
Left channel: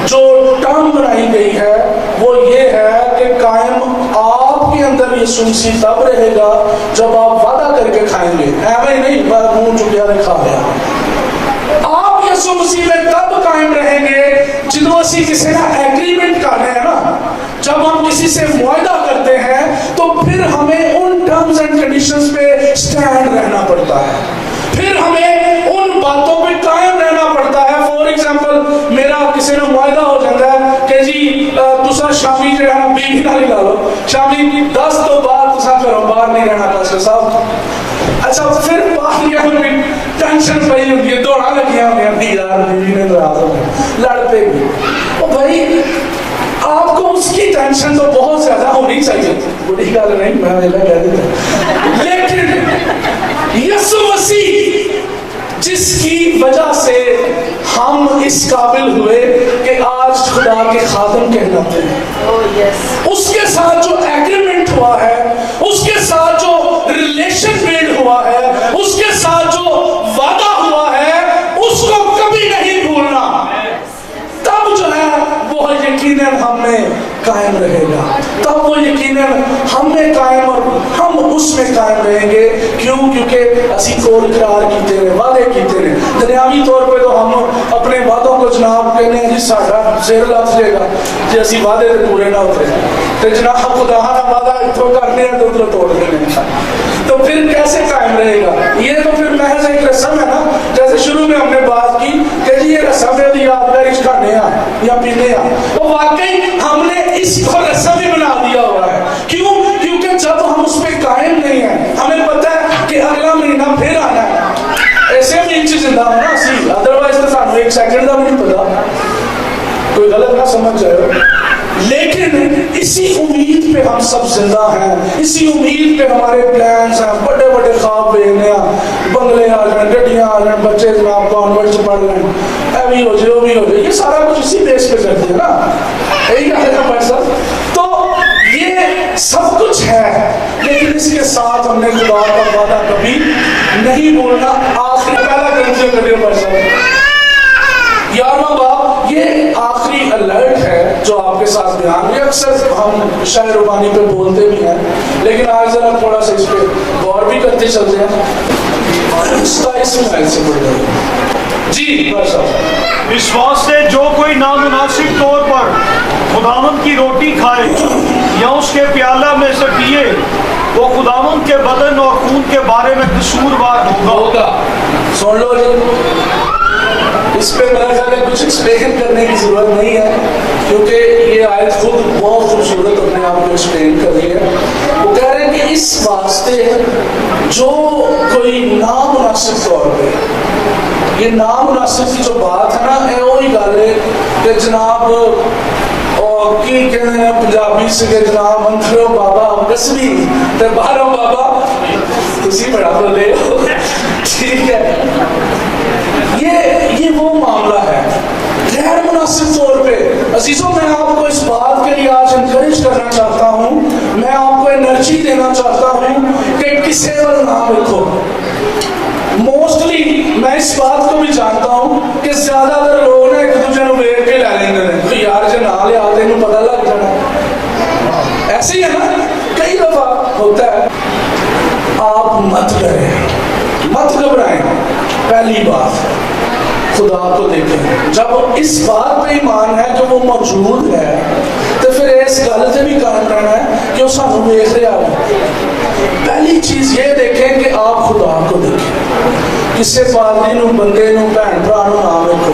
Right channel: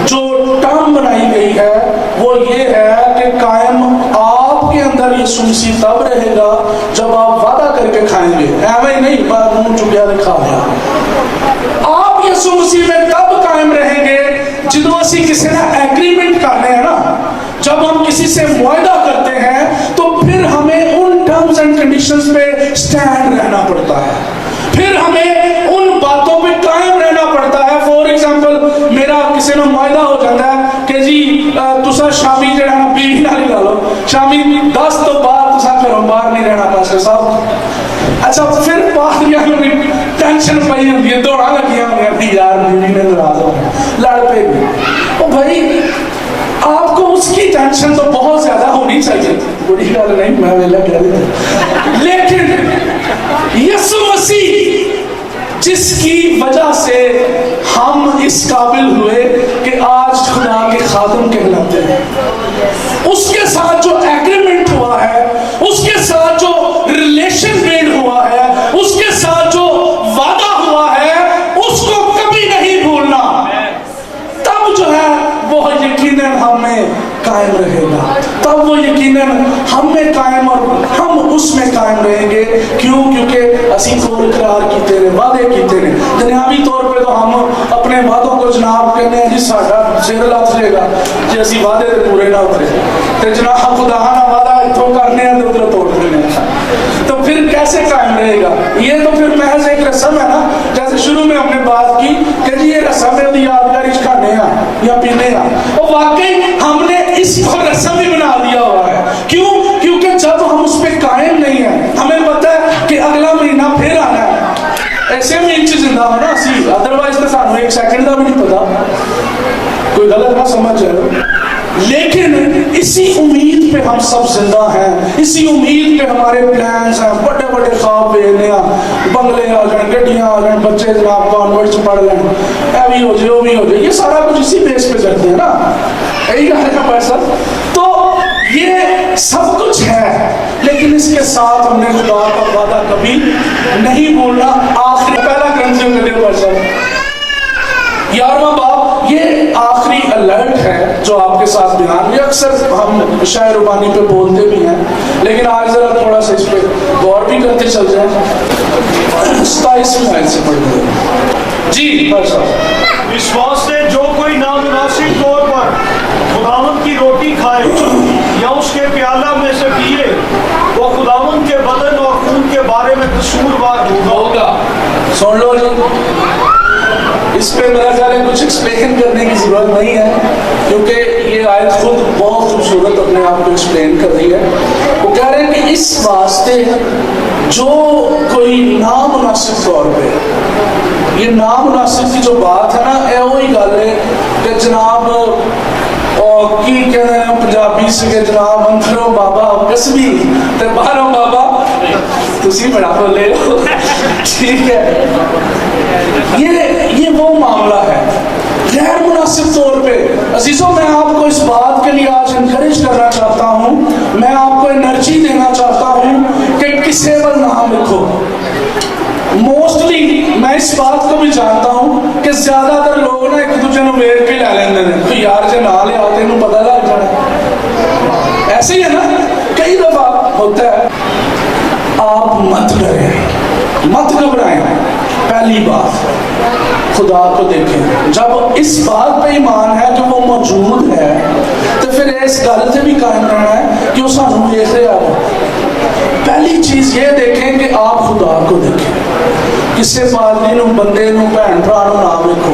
جو ٹرم بنائی گئی ہے, وہ یہ ہے کہ قائم آپ کے اندر یسوع مسیح تب رہے گا جب آپ وعدہ کر کے کھائیں گے, ایویں نہیں بس منہ چکیا نے کھا لیا. آپ یسوع مسیح میں تب قائم رہیں گے جدو اسی کسی نے ایگریمنٹ کرنا ہے نا, جب ہم کسی سے معاہدہ کرتے ہیں تو پھر ہمیں ان ٹرمز اینڈ کنڈیشنز پہ سٹینڈ رہنا پڑتا ہے, پھر ہمیں ان باتوں پہ قائم رہنا پڑتا ہے. فور ایگزامپل میرا کسی نے معاہدہ ہو جاتا ہے کہ جی تسا شامی جو ہے نا بیوی نہ لا لو, شامی 10 تو بعد تسا پھر باہر نہیں رہنا پاسٹر صاحب. اچھا پھر باہر کیا ٹینشن پئی ہوتی ہے, دوڑا لگیا ہوتی یار بیوی نے لڑ پے گی. او بھائی آپ کو اس کی ٹینشن تو بہت زیادہ ہونی چاہیے, بڑی گل نہیں میں ویلا کہہ دیتا, لیکن یسوع مسیح جس کی وجہ سے ہم اس قابل ہوئے کہ آج خدا کے خادم کہلاتے ہیں, اس کے ساتھ جو ایگریمنٹ ہوا ہے, اس کے ساتھ جو ریلیشن بلڈ ہوا ہے, اس کے ساتھ جو وعدہ ہوا ہے, اس کو کبھی نہیں بھولنا. تب جو ہے وہ یقیناً ہم میں قائم رہے گا, تب وہ یقیناً ہم میں قائم اور ہم اس میں قائم رہیں گے. کیوں؟ کیونکہ اسی قول قرار کیتے رہے, وعدے کیتے رہے. دنیاوی طور پہ تو ہم اپنے وعدوں کو جناب کہنے ہیں جی ساڈا سر لت جائے گا جی اسی وعدے تے پورے نہ اترے, تے جناب خدا نہ وعدہ اتوں کرنے ہیں تو ادھر توڑ دینے, تو پھر کیسے قائم رہے گا؟ یہ تو پھر محض ایک رسم ہے نا, جیسے شروع میں ہم نے بات کی کہ جی یہ رسم ہے یادگاری کھانے یا پینے, وہ واقعی ہم نے اس کو رسم ہی بنا دیا ہوا ہے. کیوں؟ کیونکہ جب ہم اس پہ قائم نہیں ہیں, ہمیں پتہ ہے کہ اگلا مہینہ پھر آنا ہے, ایسے بھی انچ زندہ ہونا اسی, ادروائز تو سانو ایک سیکنڈ کا بھی نہیں پتا, کوئی غلط نہ سمجھ جائے. لیکن اسی امید پہ ہم سب زندہ ہیں, اسی امید پہ ہمارے پلانس ہیں, بڑے بڑے خواب دیکھنے ہیں, بنگلے آ جائیں, گڈیاں آ جائیں, بچے جناب کانوینٹ سے پڑھ لیں, اے بھی ہو جائے وہ بھی ہو جائے, یہ سارا کچھ اسی بیس پہ کرتے ہیں نا, یہی کہنے کا پیسہ. تو یہ سب کچھ ہے, لیکن اس کے ساتھ ہم نے خدا کا وعدہ کبھی نہیں بولنا. آخری پہلا کرنتھیوں کا 11 11واں باب, یہ آخری الرٹ ہے جو آپ کے ساتھ بیان. یہ اکثر ہم شاعر ربانی پہ بولتے بھی ہیں, لیکن آج ذرا تھوڑا سا اس پہ غور بھی کرتے چلتے ہیں. 27 میں سے پڑھ گئے جی. اس واسطے جو کوئی نامناسب طور پر خداوند کی روٹی کھائے یا اس کے پیالہ میں سے پیے وہ خداوند کے بدن اور خون کے بارے میں قصوروار ہوگا. سن لو جی, اس پہ میرا خیال ہے کچھ ایکسپلین کرنے کی ضرورت نہیں ہے, کیونکہ یہ آیت خود بہت خوبصورت اپنے آپ کو ایکسپلین کر رہی ہے. وہ کہہ رہے ہیں کہ اس واسطے جو کوئی نامناسب طور پہ, یہ نامناسب کی جو بات ہے نا, یہ وہی گل ہے کہ جناب کی کہتے ہیں پنجابی سے کہ جناب اندروں بابا کسبی تے باہروں بابا تسی بڑا بولے ہو. ٹھیک ہے, یہ وہ معاملہ ہے غیر مناسب طور پہ. عزیزوں, میں آپ کو اس بات کے لیے آج انکریج کرنا چاہتا ہوں, میں آپ کو انرجی دینا چاہتا ہوں کہ کسے پر نام رکھو. موسٹلی میں اس بات کو بھی جانتا ہوں کہ زیادہ تر لوگ نا ایک دوسرے کو ویٹ کے لے لیندے ہیں, تو یار جے نہ لے آتے انہوں پتہ لگ جانا. ایسے ہی ہے نا, کئی دفعہ ہوتا ہے. آپ مت کریں, مت گھبرائیں. پہلی بات خدا کو دیکھیں. جب اس بات پہ ایمان ہے کہ وہ موجود ہے تو پھر اس گل سے بھی قائم کرنا ہے کہ وہ سانوں دیکھ رہا ہے. پہلی چیز یہ دیکھیں کہ آپ خدا کو دیکھیں. کسی پادری نو, بندے نو, بہن بھرا نو نام رکھو,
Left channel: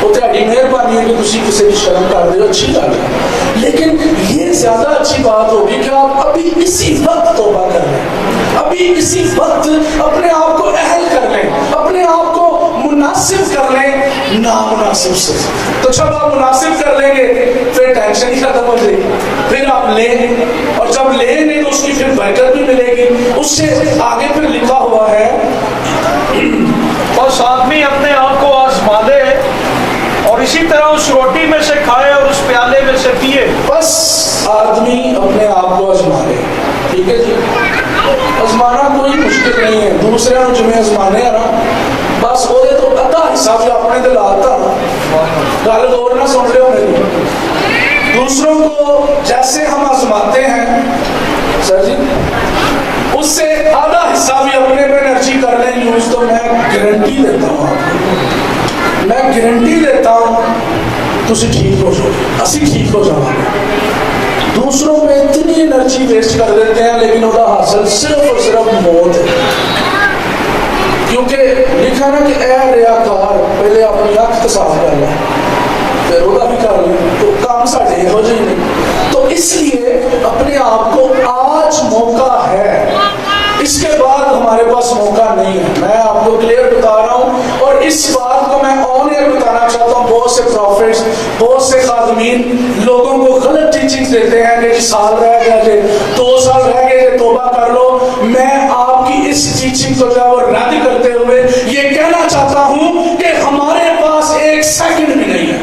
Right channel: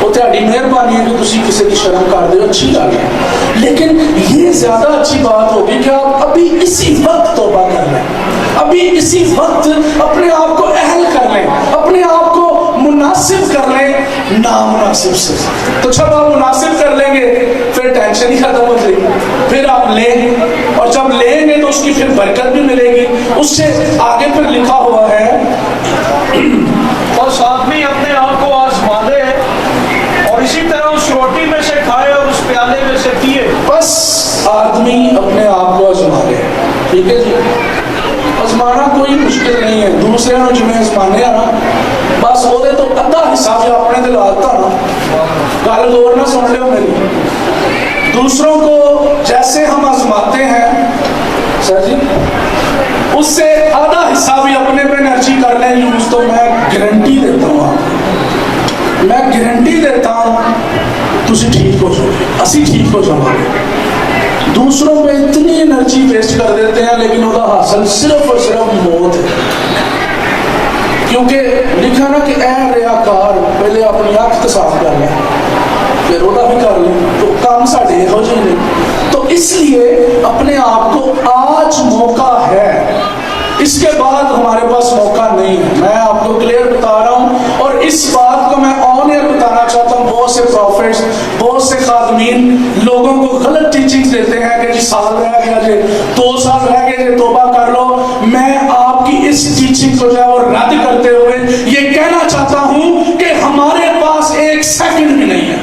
وہ تہاڈی مہربانی ہے کہ تسی کسی کی شرم کر دے, اچھی گل ہے. لیکن یہ زیادہ اچھی بات ہوگی کہ آپ ابھی اسی وقت توبہ کر لیں, ابھی اسی وقت اپنے آپ کو اہل کر لیں, اپنے آپ کو مناسب کر لیں نامناسب سے. تو جب آپ مناسب کر لیں گے پھر ٹینشن ہی ختم ہو جائے گی, پھر آپ لیں, اور جب لیں گے تو اس کی پھر برکت بھی ملے گی. اس سے آگے پھر لکھا ہوا ہے بس آدمی اپنے آپ کو آزما دے اور اسی طرح اس روٹی میں سے کھائے اور اس پیالے میں سے پیے. بس آدمی اپنے آپ کو آزما دے. ٹھیک ہے جی, آزمانا کوئی مشکل نہیں ہے. دوسرے نو جمیں آزمانے ہیں نا, بس وہ تو ادھا حصہ بھی اپنے دل آتا نا. گل غور نہ سن لو میری. دوسروں کو جیسے ہم آزماتے ہیں سر جی, اس سے آدھا حصہ بھی اپنے پہ انرجی کر لیں یوز, تو میں گارنٹی دیتا ہوں آپ کو, میں گارنٹی دیتا ہوں تسی ٹھیک ہو جاؤ, اسی ٹھیک ہو جاؤ. دوسروں پہ اتنی انرجی ویسٹ کر دیتے ہیں لیکن وہ حاصل صرف اور صرف موت ہے. کیونکہ لکھا نا کہ اے ریاکار پہلے اپنی اکھ تو صاف کر لیں, پھر وہ بھی کر لیں, تو کام ساڈے ہو جائیں گے. تو اس لیے اپنے آپ کو آج موقع ہے, اس کے بعد ہمارے پاس موقع نہیں ہے. میں آپ کو کلیئر بتا رہا ہوں, اور اس بات کو میں آن ایئر بتانا چاہتا ہوں. بہت سے پروفیٹس, بہت سے خادمین لوگوں کو غلط ٹیچنگ دیتے ہیں کہ جی سال رہ گیا جی, 2 سال رہ گئے جی, توبہ کر لو. میں آپ کی اس ٹیچنگ کو جو ہے وہ رد کرتے ہوئے یہ کہنا چاہتا ہوں کہ ہمارے پاس 1 سیکنڈ بھی نہیں ہے.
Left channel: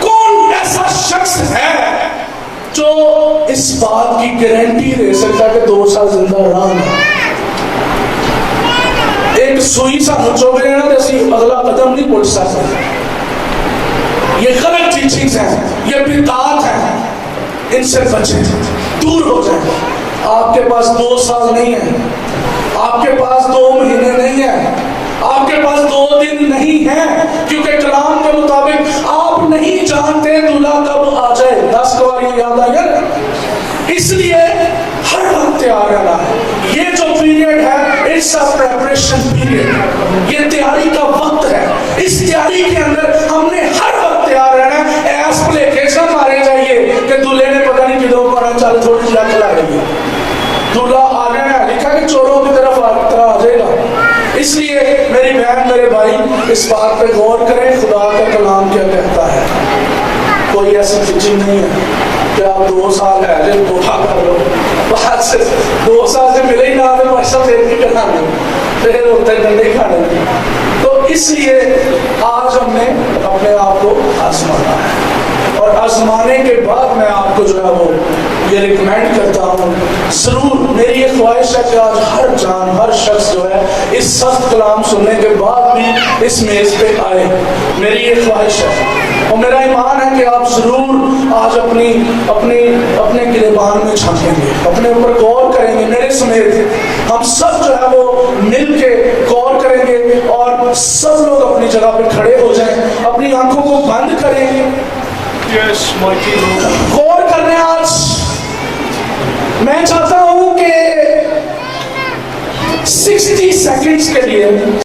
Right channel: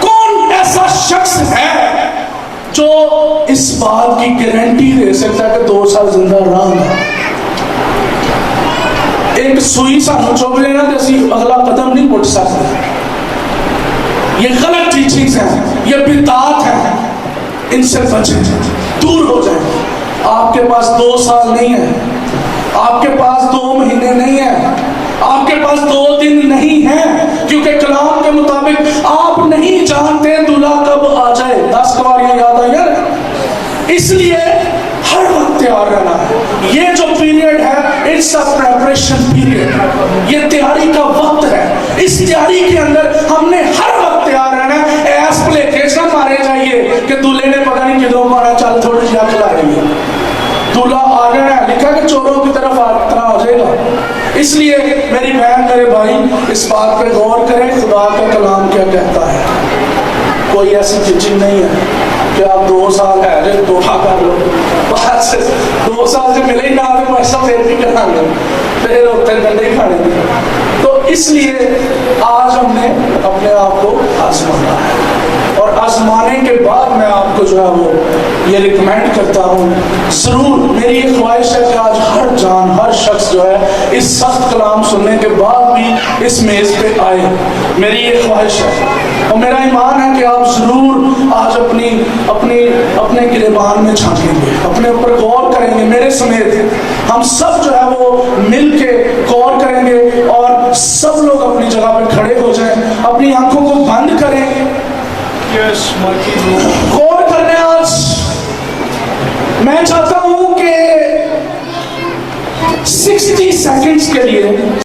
کون ایسا شخص ہے جو اس بات کی گارنٹی دے سکتا ہے کہ 2 سال زندہ رہنا؟ ایک سوئی سانو چوب رہے ہیں تو اسی اگلا قدم نہیں پٹ سکتے. یہ غلط ٹیچنگز ہیں, یہ بدعات ہیں, ان سے بچیں, دور ہو جائیں. آپ کے پاس 2 سال نہیں ہے, آپ کے پاس 2 مہینے نہیں ہے, آپ کے پاس 2 دن نہیں ہے, کیونکہ کلام کے مطابق آپ نہیں جانتے دلہا کب آ جائے. 10 بار یہ یاد آ گیا. اس لیے ہر وقت تیار رہنا ہے. یہ جو پیریڈ ہے اٹس اے پریپریشن پیریڈ, یہ تیاری کا وقت ہے. اس تیاری کے اندر ہم نے ہر وقت تیار رہنا ہے. ایس پلے کیس نہ مارے جائیے کہ دلہے نے پتہ نہیں کدھروں کو آنا, چل تھوڑی سی چلا رہی ہے, دلہا آ گیا ہے, لکھا کہ چوروں کی طرف آ جائے گا. اس لیے میری بہن میرے بھائی اس بات پہ غور کریں خدا کا کلام کیا کہتا ہے. کوئی ایسی ٹیچنگ نہیں ہے کہ آپ 2 سال ہے جو توبہ کر لو, بعد سے 2 سال سے ملے ہی نہ آگے پیسہ پھر بھی کرنا گے, پھر ہوتے ڈنڈے ہی کھانے گے. تو اس لیے آج ہم نے اپنے آپ کو آزمانا ہے, اور آزمانے کے بعد میں آپ کو جو ہے وہ یہ ریکمینڈ کرتا ہوں. ضرور میری یہ خواہش ہے کہ آج ہر جان, ہر شخص جو ہے اس سخت کلام سننے کے بعد بھی اس میز پہ آئے. میری یہ خواہش ہے. اور میرا ایمان ہے کہ آپ ضرور آج اپنے گریبان میں جھانکیں گے, اپنے اوپر غور کریں گے, میرے سمیت ہم سب جو ہے وہ مل کے غور کریں گے, اور سب لوگ اپنی جگہ پہ کھڑے ہو جائیں, اپنی آنکھوں کو بند کریں. Yes, mighty Lord. غور کرنے آج میں چاہتا ہوں کہ 60 سیکنڈز کے لیے